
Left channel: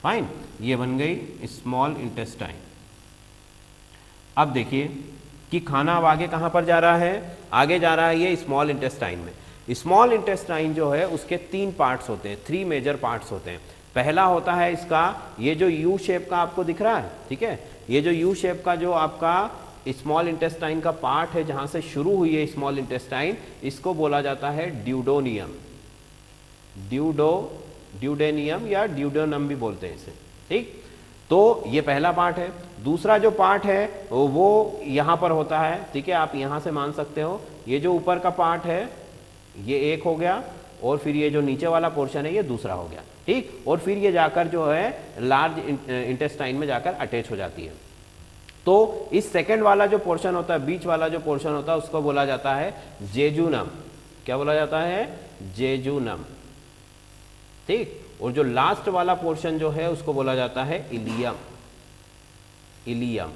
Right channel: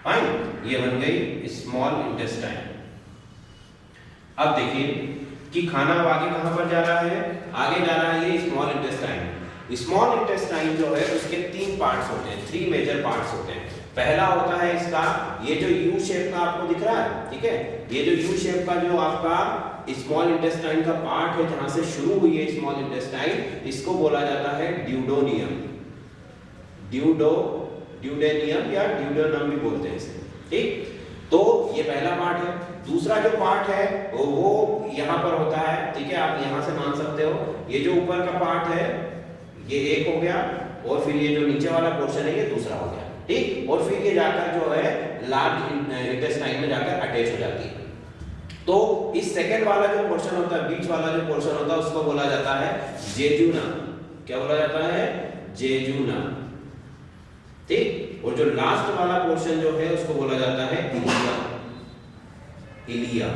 फाइन। ये बन गई स्मॉल इंटेस्टाइन। अब देखिए कि खाना अब आगे कहां पर जा रहा है, आगे जा रहा है ये स्मॉल इंटेस्टाइन में। स्मॉल इंटेस्टाइन जो है उसके 3 पार्ट्स होते हैं, 3 मेजर पार्ट्स होते हैं। पहला होता है इसका ये जो यू शेप का आपको दिख रहा है, ठीक है, ये जो यू शेप का जो आपका स्मॉल इंटेस्टाइन का पार्ट है जहां से शुरू हुई है स्मॉल इंटेस्टाइन, इसको बोला जाता है ड्यूडोनियम, ड्यूडेनियम या ड्यूडोनम भी बोलते हैं इसे, ठीक। तो ये पहला पार्ट है। दूसरा जो पार्ट है वो यहाँ पर होता है, ठीक है, आप यहाँ से मान सकते हो। ये जो ऊपर का पार्ट है ये एक हो गया, और फिर ये जो नीचे वाला पोर्शन है ये दूसरा हो गया, ठीक। और फिर ये जाकर जो है लार्ज इंटेस्टाइन में जाकर अटैच हो जाती है। तो इस सेकंड वाला जो पोर्शन होता है, बीच वाला जो पोर्शन होता है, उसको बोला जाता है जेजुनम। क्या बोला जाता है? जेजुनम, ठीक। और जो लास्ट वाला पोर्शन जो है उसको बोला जाता है इलियम, इलियम।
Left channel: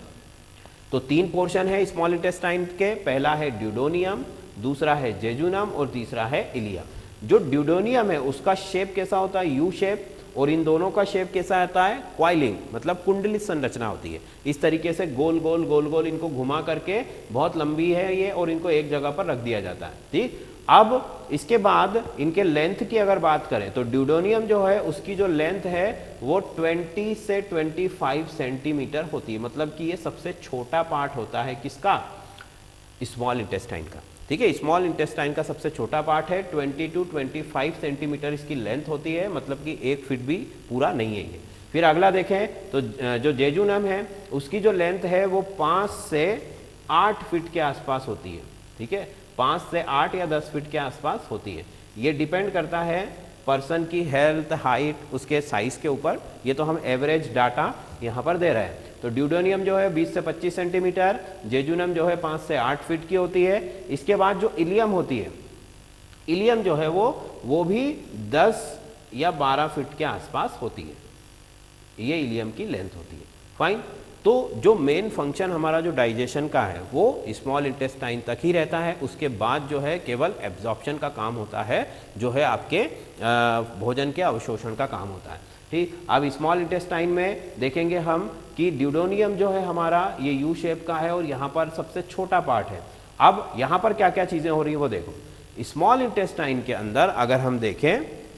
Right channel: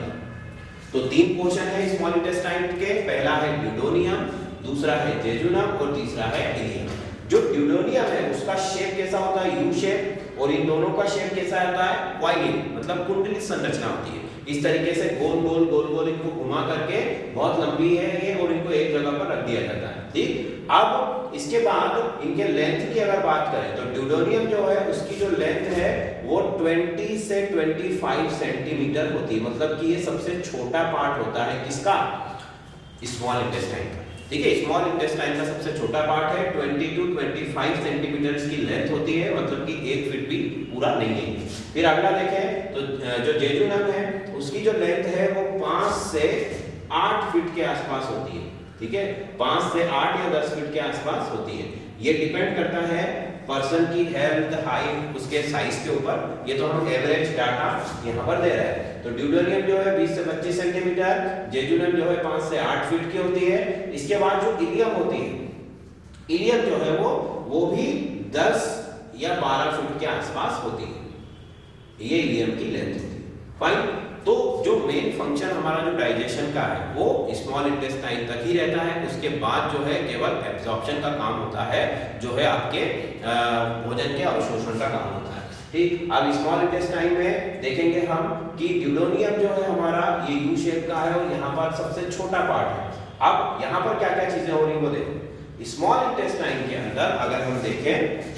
तो 3 पोर्शन है स्मॉल इंटेस्टाइन के, पहला है ड्यूडोनियम, दूसरा है जेजुनम और तीसरा है इलियम। जो ड्यूडोनियम है उसका शेप कैसा होता है? यू शेप, और इन दोनों का शेप कैसा आता है? क्वाइलिंग, मतलब कुंडलित संरचना होती है। इस तरीके से गोल गोल गोल गोल इनको घुमा करके, बहुत लंबी है ये, और इनको एक जगह पर रख दिया जाता है, ठीक। अब इसके बाद इनके लेंथ की अगर बात करें तो ड्यूडोनियम जो है उसकी जो लेंथ है वो 20 से 25 सेंटीमीटर होती है, मतलब कि ये सबसे छोटा पार्ट होता है किसका? स्मॉल इंटेस्टाइन का, ठीक है। स्मॉल इंटेस्टाइन का सबसे छोटा पार्ट है, 20 to 25 सेंटीमीटर इसकी लेंथ होती है, मतलब कि 1 फीट भी पूरा नहीं है। फिर अगला देखें तो जो जेजुनम है उसकी जो लेंथ है वो 5 से 8 फीट के आसपास होती है, ठीक है, 5 से 8 या 10 फीट के आसपास होती है। ये डिपेंड करता है पर्सन की हेल्थ, हाइट, उसके साइज के ऊपर। ये तो हम एवरेज डाटा यहाँ पर दे रहे हैं। तो ड्यूडोनियम जो है 20 से 25 सेंटीमीटर, जेजुनम जो है 5 से 8 फीट की होती है। इसके बाद जो इलियम होती है, इलियम जो है वो भी 10 या 12 फीट के आसपास होती है, ये इलियम की लेंथ होती है, फाइन। तो जो मेन फंक्शन हमारा जो डाइजेशन का है वो स्मॉल इंटेस्टाइन तक ही रहता है। उसके बाद जो है केवल एब्जॉर्प्शन का काम होता है, जो है आपके भोजन के अवशोषण का काम होता है, ठीक। अब स्मॉल इंटेस्टाइन में देखेंगे हम कि ड्यूडोनियम जो है हमारा ये यू शेप का है, और यहाँ पर सबसे छोटा पार्ट है। अब यहाँ पर क्या क्या चीजें हो रही है वो देखो। स्मॉल इंटेस्टाइन के अंदर अगर हम देखें,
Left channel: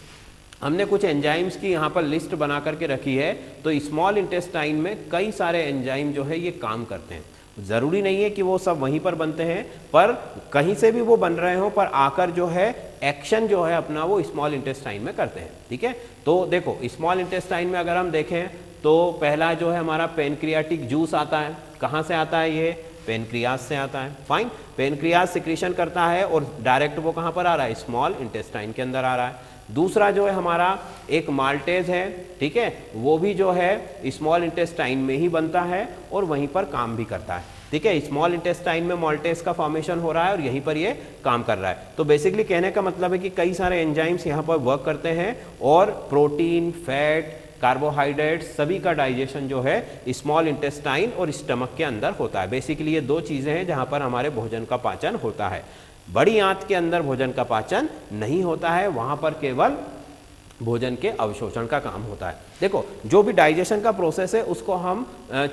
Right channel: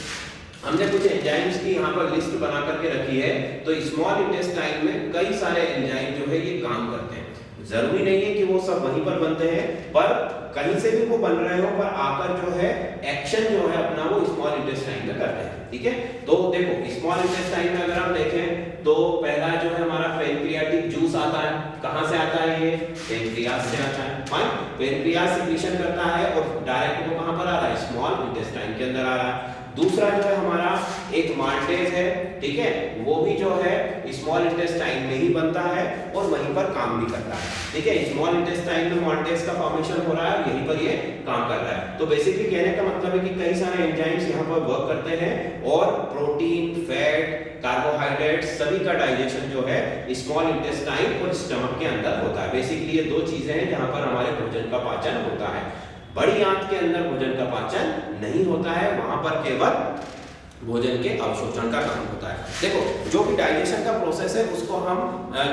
हमने कुछ एंजाइम्स की यहाँ पर लिस्ट बना करके रखी है। तो स्मॉल इंटेस्टाइन में कई सारे एंजाइम जो है ये काम करते हैं। जरूरी नहीं है कि वो सब वहीं पर बनते हैं, पर कहीं से भी वो बन रहे हो, पर आकर जो है एक्शन जो है अपना वो स्मॉल इंटेस्टाइन में करते हैं, ठीक है। तो देखो स्मॉल इंटेस्टाइन में अगर हम देखें तो पहला जो है हमारा पेनक्रियाटिक जूस आता है। कहाँ से आता है? ये पेनक्रियाज से आता है, फाइन। पेनक्रियाज सिक्रीशन करता है और डायरेक्ट वो कहाँ पर आ रहा है? स्मॉल इंटेस्टाइन के अंदर आ रहा है। दूसरा जो है हमारा एक माल्टेज है, ठीक है, वो भी जो है स्मॉल इंटेस्टाइन में ही बनता है और वहीं पर काम भी करता है, ठीक है। स्मॉल इंटेस्टाइन में माल्टेज का फॉर्मेशन हो रहा है और यहीं पर ये काम कर रहा है। तो बेसिकली कहने का मतलब है कि कई सारे एंजाइम्स यहाँ पर वर्क करते हैं और प्रोटीन, फैट, कार्बोहाइड्रेट सभी का डाइजेशन जो है स्मॉल इंटेस्टाइन और स्टमक के अंदर होता है। बेसिकली ये दो चीजें हैं जहां पर हमारे भोजन का पाचन होता है। बड़ी आंत के अंदर भोजन का पाचन नहीं होता है, वहां पर केवल भोजन के अवशोषण का काम होता है। देखो, जो भी डाइजेशन का प्रोसेस है उसको हम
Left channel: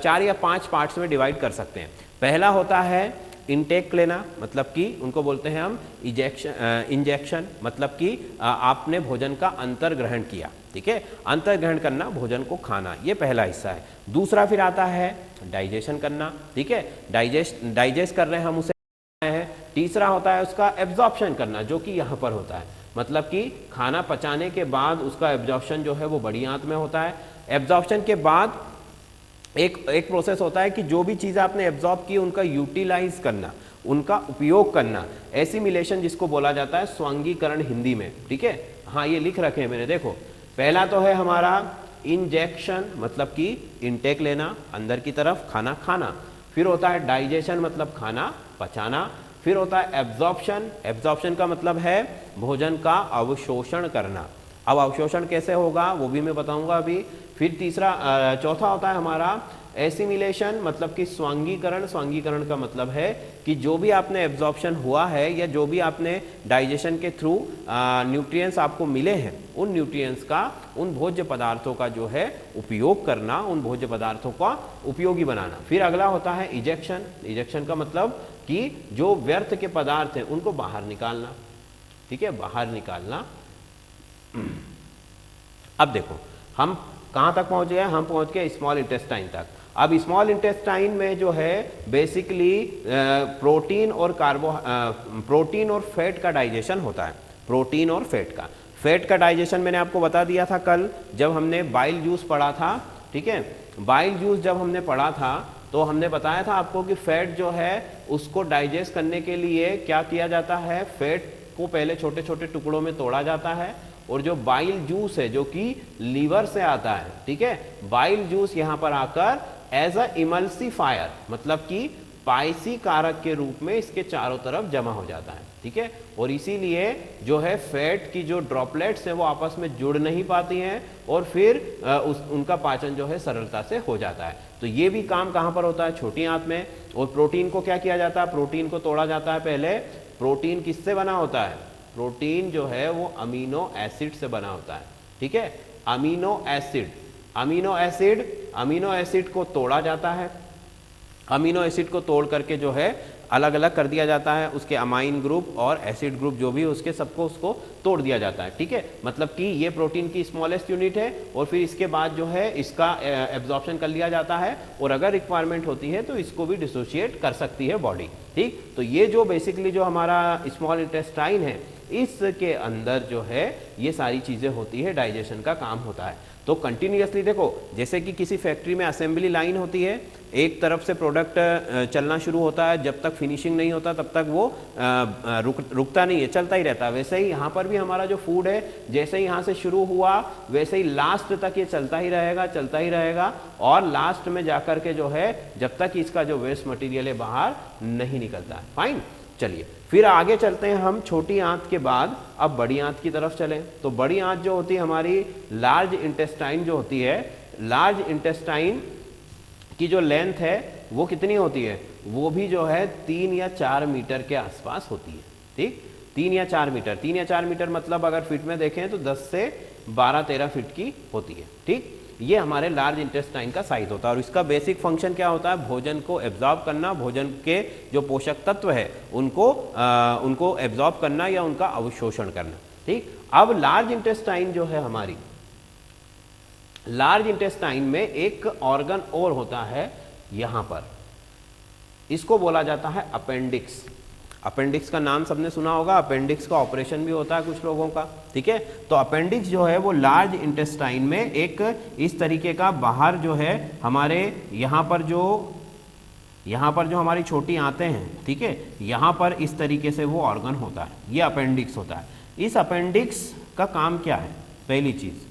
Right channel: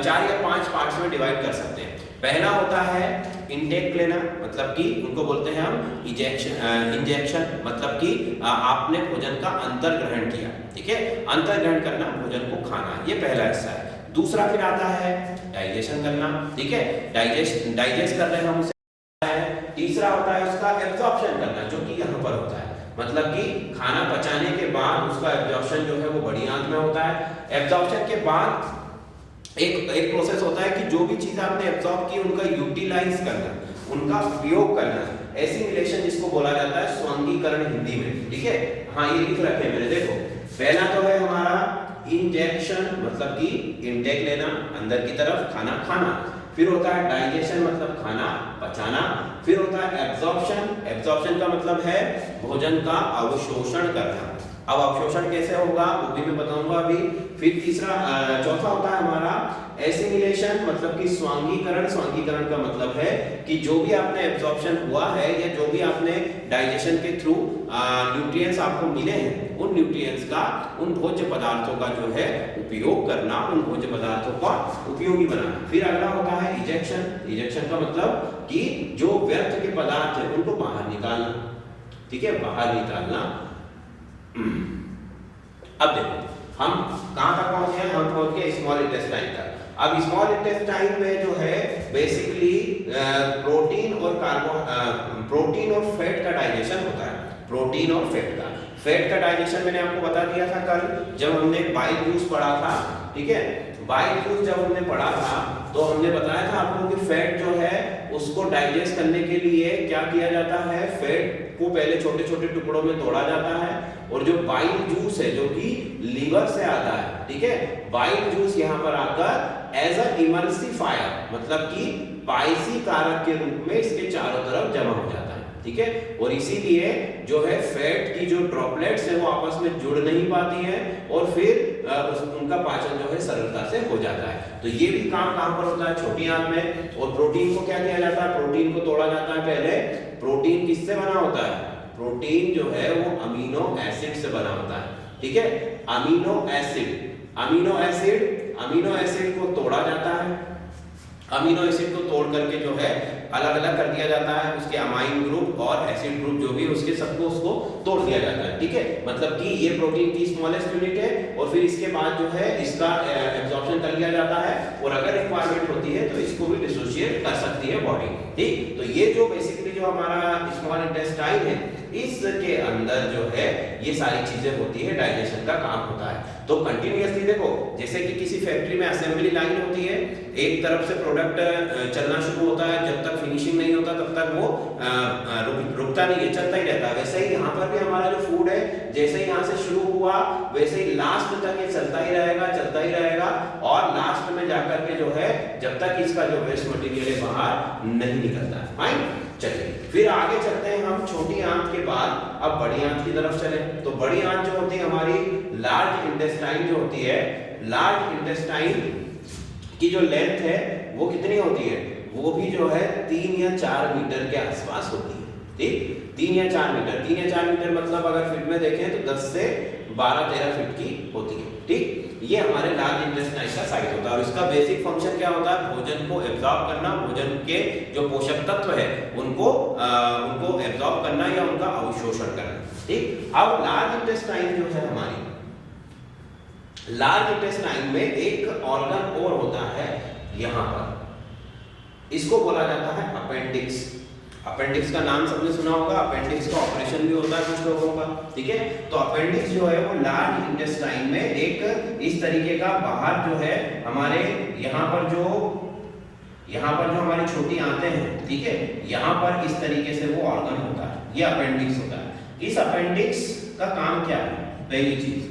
4 या 5 पार्ट्स में डिवाइड कर सकते हैं। पहला होता है इनटेक लेना, मतलब कि उनको बोलते हैं हम इंजेक्शन, मतलब कि आपने भोजन का अंतर्ग्रहण किया, ठीक है, अंतर्ग्रहण करना, भोजन को खाना, ये पहला हिस्सा है। दूसरा फिर आता है डाइजेशन करना, ठीक है, डाइजेस्ट कर रहे हैं हम उसे। तीसरा होता है उसका एब्जॉर्प्शन करना, जो कि यहाँ पर होता है, मतलब कि खाना पचाने के बाद उसका एब्जॉर्प्शन जो है वो बड़ी आंत में होता है। एब्जॉर्प्शन के बाद एक प्रोसेस होता है कि जो भी चीज आपने एब्जॉर्ब की उनका यूटिलाइज करना, उनका उपयोग करना, एसिमिलेशन जिसको बोला जाता है, स्वांगीकरण हिंदी में, ठीक है। हाँ, ये लिख रखे हैं मैंने, देखो, पहला तो है हमारा इंजेक्शन, मतलब कि इनटेक लेना, अंदर की तरफ खाना खाना। फिर होता है डाइजेशन, मतलब खाना पचाना। फिर होता है एब्जॉर्प्शन, एब्जॉर्प्शन का मतलब है भोजन का अवशोषण करना। अब अवशोषण कैसे होगा वो भी मैं बताऊंगा अभी। फिर चौथा होता है हमारा एसिमिलेशन, मतलब कि स्वांगीकरण। स्वांगीकरण का मतलब है कि जो भी आपने एब्जॉर्प्शन हुआ है या जो भी आपने डाइजेशन के थ्रू न्यूट्रिएंट्स आपको मिले हैं, उन न्यूट्रिएंट्स का, उन भोज्य पदार्थों का जो है उपयोग करना, उन भोज्य पदार्थों का उपयोगी बनाना। फिर अगला होता है इजेक्शन। इजेक्शन का मतलब कि जो व्यर्थ के पदार्थ हैं उनको बाहर निकालना, ठीक है, बाहर निकालना। अब देखो हम कहां तक पहुंचे हैं, हम पहुंच गए स्मॉल इंटेस्टाइन तक। अब स्मॉल इंटेस्टाइन में जो है बेसिकली प्रोटीन और फैट का डाइजेशन होता है। प्रोटीन और फैट का डाइजेशन मैंने आपको बता दिया था कल जब हमने बाइल जूस पढ़ा था, ठीक है। बाइल जूस जब हमने पढ़ा था तो हमने बताया था आपको कि फैट जो है उसको डाइजेस्ट करने के लिए क्या किया जाता है, फैट को पहले छोटे छोटे टुकड़ों में तोड़ा जाता है और जो बाइल जूस है जो कि लीवर से आता है, ठीक है, बाइल जूस यहाँ पर आकर एज अ इमल्सिफायर, मतलब कि पाइसी कारक के रूप में इसके चारों तरफ जमा हो जाता है, ठीक है। और इसीलिए जो है फैट की जो ड्रॉपलेट्स है वो आपस में जुड़ नहीं पाती हैं और फिर उनका पाचन जो है सरलता से हो जाता है। तो ये भी काम कहाँ पर होता है, छोटी आंत में। और प्रोटीन को क्या किया जाता है, प्रोटीन को तोड़ा जाता है पहले। प्रोटीन किससे बना होता है, प्रोटीन जो है वो अमीनो एसिड से बना होता है, ठीक है। अमीनो एसिड को तोड़ा जाता है। अमीनो एसिड को तोड़ करके जो है अलग अलग कर दिया जाता है, उसके अमाइन ग्रुप और एसिड ग्रुप जो भी उसके सबको उसको तोड़ दिया जाता है, ठीक है। मतलब कि ये प्रोटीन की स्मॉलेस्ट यूनिट है और फिर इसके बाद जो है इसका एब्जॉर्प्शन कर लिया जाता है और अगर रिक्वायरमेंट होती है तो इसको भी डिसोशिएट कर सकती है बॉडी, ठीक। तो ये जो बेसिकली जो हमारा स्मॉल इंटेस्टाइन है इसके अंदर जो है ये सारी चीजें होती है, डाइजेशन का काम होता है। तो कंटिन्यूअसली देखो, जैसे कि किसी फैक्ट्री में असेंबली लाइन होती है, एक तरफ से प्रोडक्ट चलना शुरू होता है, जब तक फिनिशिंग नहीं होता तब तक वो रुकता नहीं है, चलता ही रहता है। वैसे ही यहाँ पर भी हमारा जो फूड है जैसे ही यहाँ से शुरू हुआ वैसे ही लास्ट तक ये चलता ही रहेगा और लास्ट में जाकर के जो है जब तक इसका जो वेस्ट मटेरियल है बाहर नहीं निकलता है। फाइन, चलिए फिर आगे चलते हैं हम छोटी आंत के बाद अब बड़ी आंत की तरफ चले। तो बड़ी आंत जो होती है हमारी लार्ज इंटेस्टाइन जो होती है, लार्ज इंटेस्टाइन की जो लेंथ है वो कितनी होती है, वो भी जो है 3 या 4 मीटर के आसपास होती है, ठीक। 3 या 4 मीटर, 3 या 4 मीटर मतलब अगर फीट में देखें तो 10 से 12-13 फीट की होती है, ठीक। ये हमारे लार्ज इंटेस्टाइन का साइज होता है और इसका बेसिक फंक्शन क्या होता है, भोजन को एब्जॉर्ब करना, भोजन के जो पोषक तत्व है उनको एब्जॉर्ब करना या उनका अवशोषण करना, ठीक। अब लार्ज इंटेस्टाइन जो है हमारी, लार्ज इंटेस्टाइन में एक ऑर्गन और होता है यहां पर, इसको बोला जाता है अपेंडिक्स। अपेंडिक्स का नाम सबने सुना होगा, अपेंडिक्स का ऑपरेशन भी होता है कुछ लोगों का, ठीक है। तो अपेंडिक्स जो है वो लार्ज इंटेस्टाइन में एक इस तरीके का बाहर जो है हमारे यहाँ पर जो हमारी छोटी आंतें हैं, ठीक है, यहाँ पर इस तरीके से वो ऑर्गन होता है, ये अपेंडिक्स होता है। इस अपेंडिक्स का काम क्या है? पहली चीज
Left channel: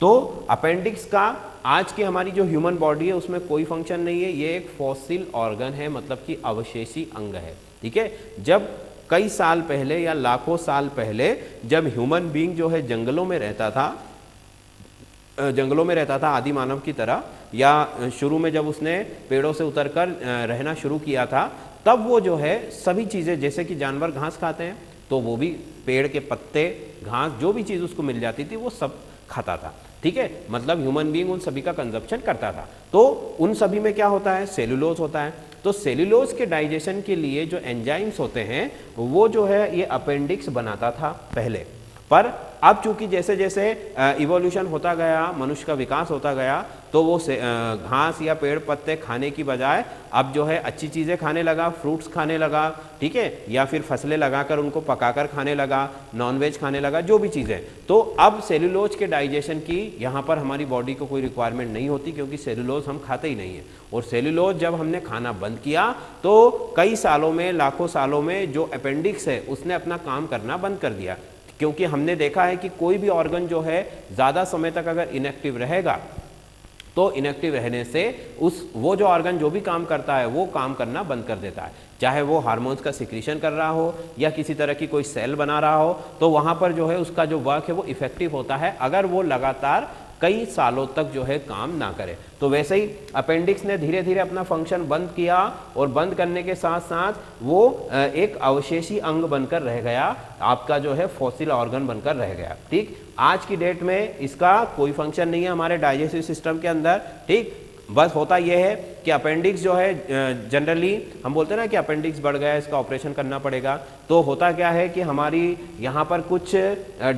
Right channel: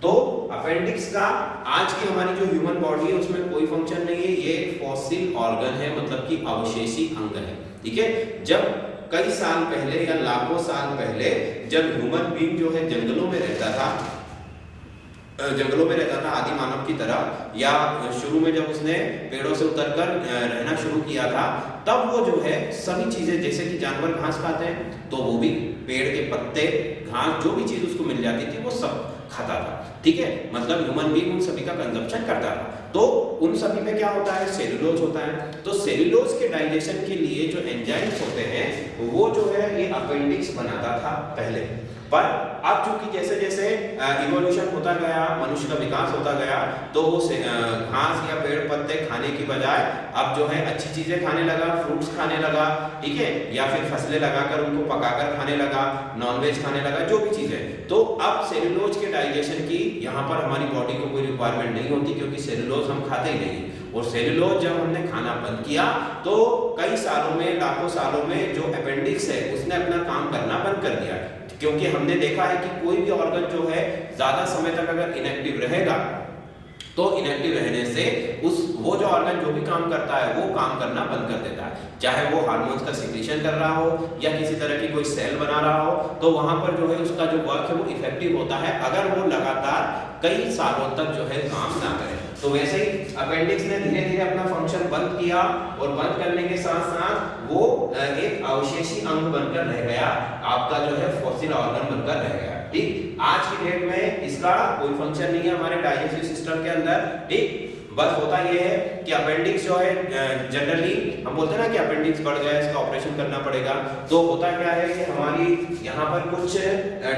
तो अपेंडिक्स का आज की हमारी जो ह्यूमन बॉडी है उसमें कोई फंक्शन नहीं है, ये एक फॉसिल ऑर्गन है, मतलब कि अवशेषी अंग है। ठीक है, जब कई साल पहले या लाखों साल पहले जब ह्यूमन बीइंग जो है जंगलों में रहता था आदि मानव की तरह, या शुरू में जब उसने पेड़ों से उतरकर रहना शुरू किया था, तब वो जो है सभी चीजें, जैसे कि जानवर घास खाते हैं तो वो भी पेड़ के पत्ते, घास, जो भी चीज उसको मिल जाती थी वो सब खाता था। ठीक है, मतलब ह्यूमन बीइंग उन सभी का कंजप्शन करता था। तो उन सभी में क्या होता है? सेल्यूलोज होता है। तो सेल्यूलोज के डाइजेशन के लिए जो एंजाइम्स होते हैं वो जो है ये अपेंडिक्स बनाता था पहले, पर अब चूंकि जैसे जैसे इवोल्यूशन होता गया, मनुष्य का विकास होता गया, तो वो घास या पेड़ पत्ते खाने की बजाय अब जो है अच्छी चीजें खाने लगा, फ्रूट्स खाने लगा, ठीक है, या फिर फसलें लगाकर उनको पकाकर खाने लगा, नॉनवेज खाने लगा, जो भी चीजें। तो अब सेल्यूलोज के डाइजेशन की यहाँ पर हमारी बॉडी को कोई रिक्वायरमेंट नहीं होती, क्योंकि सेल्यूलोज हम खाते ही नहीं। और सेल्यूलोज जब हमने खाना बंद किया तो कई सालों में, लाखों सालों में जो अपेंडिक्स है उसने अपना काम करना बंद कर दिया, क्योंकि हमने देखा है कि कोई भी ऑर्गन जो है ज्यादा समय तक अगर इनएक्टिव रहेगा तो इनएक्टिव रहने से वो जो ऑर्गन जो भी काम करता है वो काम करना बंद कर देता है, चाहे वो हार्मोन्स का सिक्रीशन कर रहा हो या किसी तरह की कोई सेल बना रहा हो, तो वहां पर जो है उसका जो वर्क है वो इफेक्टिव होता है अगर वो लगातार कई सालों तक जो है काम ना करे। तो वैसे ही अपेंडिक्स ने धीरे धीरे अपना फंक्शन बंद किया, और बंद करने के साथ साथ वो एक अवशेषी अंग बनकर रह गया, आपका जो है फॉसिल ऑर्गन बनकर रह गया। ठीक, आज की डेट में इसका कोई फंक्शन नहीं है हमारे डाइजेस्टिव सिस्टम के अंदर। ठीक, बस होता यह है कि अपेंडिक्स जो है जनरली हम बोलते हैं ना कि अपेंडिक्स बढ़ गया, इसका ऑपरेशन करना पड़ेगा। तो होता क्या है कि हमारी यहाँ पर कुछ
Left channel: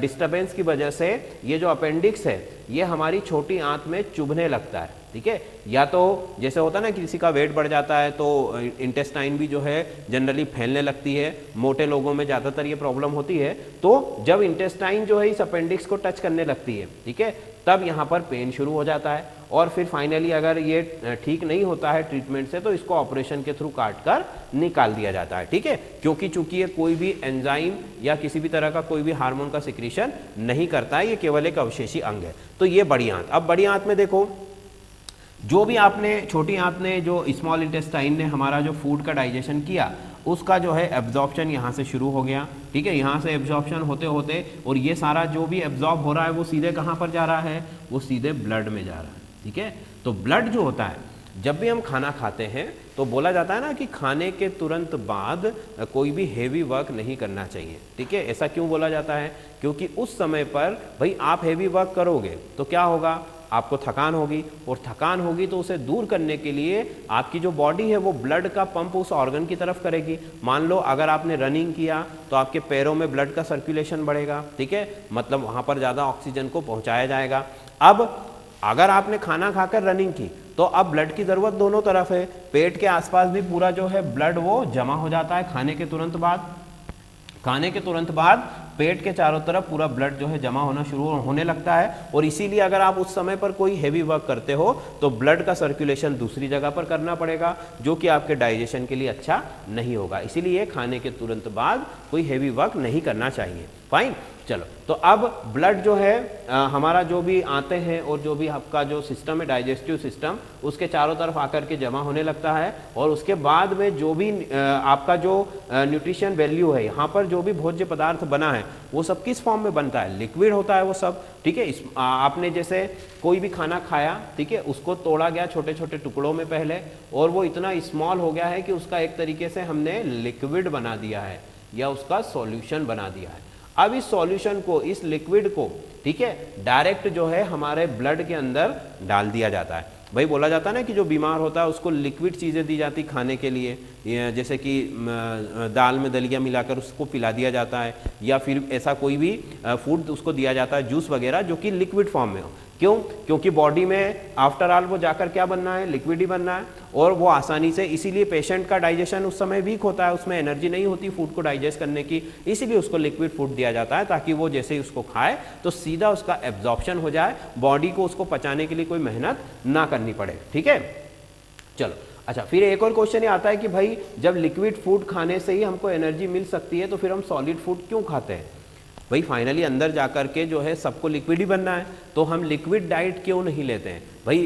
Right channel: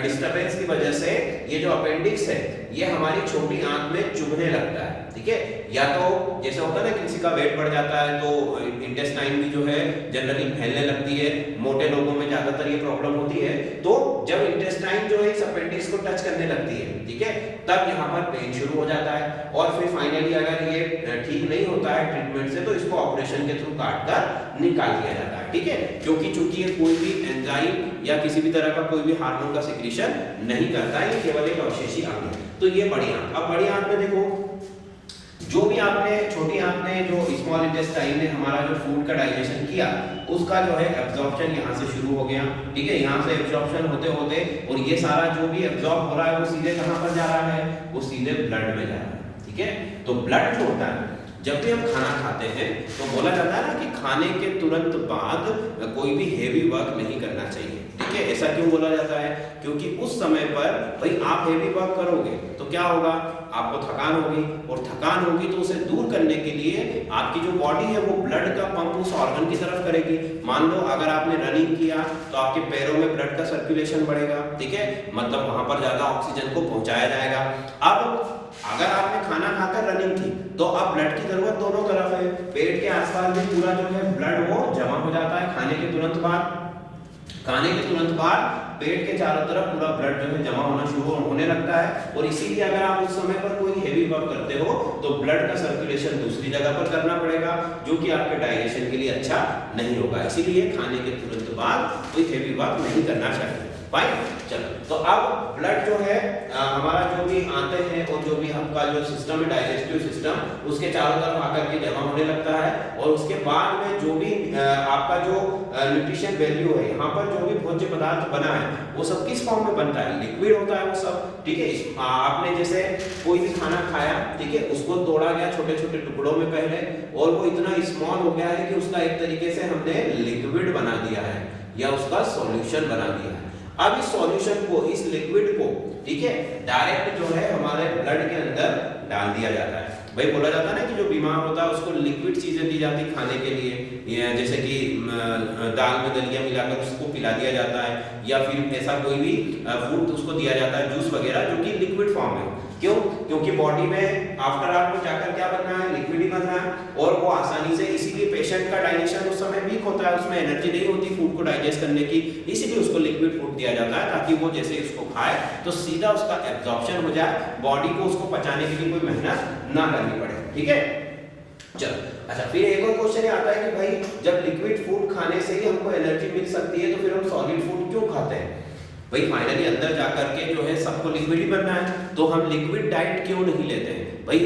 डिस्टर्बेंस की वजह से ये जो अपेंडिक्स है ये हमारी छोटी आंत में चुभने लगता है। ठीक है, या तो जैसे होता है ना कि किसी का वेट बढ़ जाता है तो इंटेस्टाइन भी जो है जनरली फैलने लगती है, मोटे लोगों में ज्यादातर ये प्रॉब्लम होती है। तो जब इंटेस्टाइन जो है इस अपेंडिक्स को टच करने लगती है, ठीक है, तब यहाँ पर पेन शुरू हो जाता है, और फिर फाइनली अगर ये ठीक नहीं होता है ट्रीटमेंट से तो इसको ऑपरेशन के थ्रू काट कर निकाल दिया जाता है। ठीक है, क्योंकि चूंकि ये कोई भी एंजाइम या किसी भी तरह का कोई भी हार्मोन का सिक्रीशन नहीं करता है, ये केवल एक अवशेषी अंग है। तो ये बड़ी आंत। अब बड़ी आंत में देखो, जो भी आपने छोटी आंत ने, जो स्मॉल इंटेस्टाइन ने हमारा जो फूड का डाइजेशन किया, उसका जो है एब्जॉर्प्शन यहाँ से शुरू हो गया। ठीक है, यहाँ से एब्जॉर्प्शन होते होते, और ये सारा जो भी एब्जॉर्ब हो रहा है वो सीधे कहाँ पर जा रहा है? वो सीधे ब्लड में जा रहा है। ठीक है, तो ब्लड जो होता है, जब भी हम खाना खाते हैं तो बोला जाता है ना कि खाने के तुरंत बाद कोई भी हेवी वर्क नहीं करना चाहिए। ठीक है, ऐसा क्यों बोला जाता है? क्योंकि उस समय पर भाई आप हेवी वर्क करोगे तो क्या होगा? आपको थकान होगी, और थकान होगी तो उसे दूर करने के लिए आपकी जो बॉडी है वो ब्लड का पंप उस ऑर्गन की तरफ करेगी। मान लो अगर आपने रनिंग किया तो आपके पैरों में ब्लड का सर्कुलेशन बढ़ेगा। ठीक है, मतलब वहां पर ज्यादा ऑक्सीजन को पहुंचाया जाएगा। अब अगर आपने खाना खाकर रनिंग की तो अब ब्लड की जरूरत दोनों तरफ है, पेट के आसपास भी पूरा जो है ब्लड वो जमा हो जाता है खाने के तुरंत बाद पेट के चारों तरफ पूरा ब्लड जो है जमा होना शुरू होने लगता है। और इसीलिए अगर आप उस समय पर कोई हेवी वर्क करते हो तो ब्लड का सर्कुलेशन दूसरी जगह पर करना पड़ेगा, जो कि आपके डाइजेशन के लिए अच्छा नहीं होगा। इसीलिए खाने के तुरंत बाद कोई हेवी वर्क नहीं करना चाहिए। फाइन, चलो, तो अब ब्लड जो है हमारा जो भी आते हैं और जो भी आपका जो सिस्टम है डाइजेस्टिव सिस्टम, उसके चारों तरफ आकर के जमा होने लगता है, और उसके बाद में जो भी आपका जो न्यूट्रिशन वैल्यू है, यहाँ पर जो भी भोज्य पदार्थ बना है वो सब किस फॉर्म में बनता है? लिक्विड होता है वो सब। ठीक है, आपने जैसे कोई भी खाना खाया, ठीक है, उसको तोड़ा गया छोटे छोटे टुकड़ों में पहले, और वो इतना स्मॉल हो गया है कि उसका एक तरीके से हमने लिक्विड बना दिया है या उसका सॉल्यूशन बना दिया है। अब इस सॉल्यूशन को, इस लिक्विड को, ठीक है, डायरेक्ट जो है हमारे ब्लड के अंदर डाल दिया जाता है। भाई बोला जाता है ना कि जो बीमार होता है उसको लिक्विड चीजें दी जाती खाने के लिए, जैसे कि दाल में दलिया मिलाकर उसको पिला दिया जाता है, या फिर ऐसा कोई भी फूड उसको दिया जाता है, जूस वगैरह, जो कि लिक्विड फॉर्म में हो। क्यों? क्योंकि बॉडी में आफ्टर ऑल वो जाकर क्या बनना है? लिक्विड ही बनना है, और वो आसानी से, इसीलिए पेशेंट का डाइजेशन उस समय वीक होता है, उसमें एनर्जी नहीं होती फूड को डाइजेस्ट करने की, इसीलिए उसको लिक्विड फूड दिया जाता है, ताकि वो जैसे ही उसको खाए तो सीधा उसका एब्जॉर्प्शन हो जाए, बॉडी को उसको पचाने के लिए कोई मेहनत ना करनी पड़े। ठीक है, चलो, अच्छा, फिर एक और क्वेश्चन ये आता है कि भाई जब लिक्विड फूड खाने से ही हमको एनर्जी मिल सकती है तो फिर हम सॉलिड फूड क्यों खाते हैं? भाई फाइनली अंदर जाकर के जो है सबको लिक्विड ही बनना है, तो हम लिक्विड डाइट क्यों नहीं लेते हैं भाई?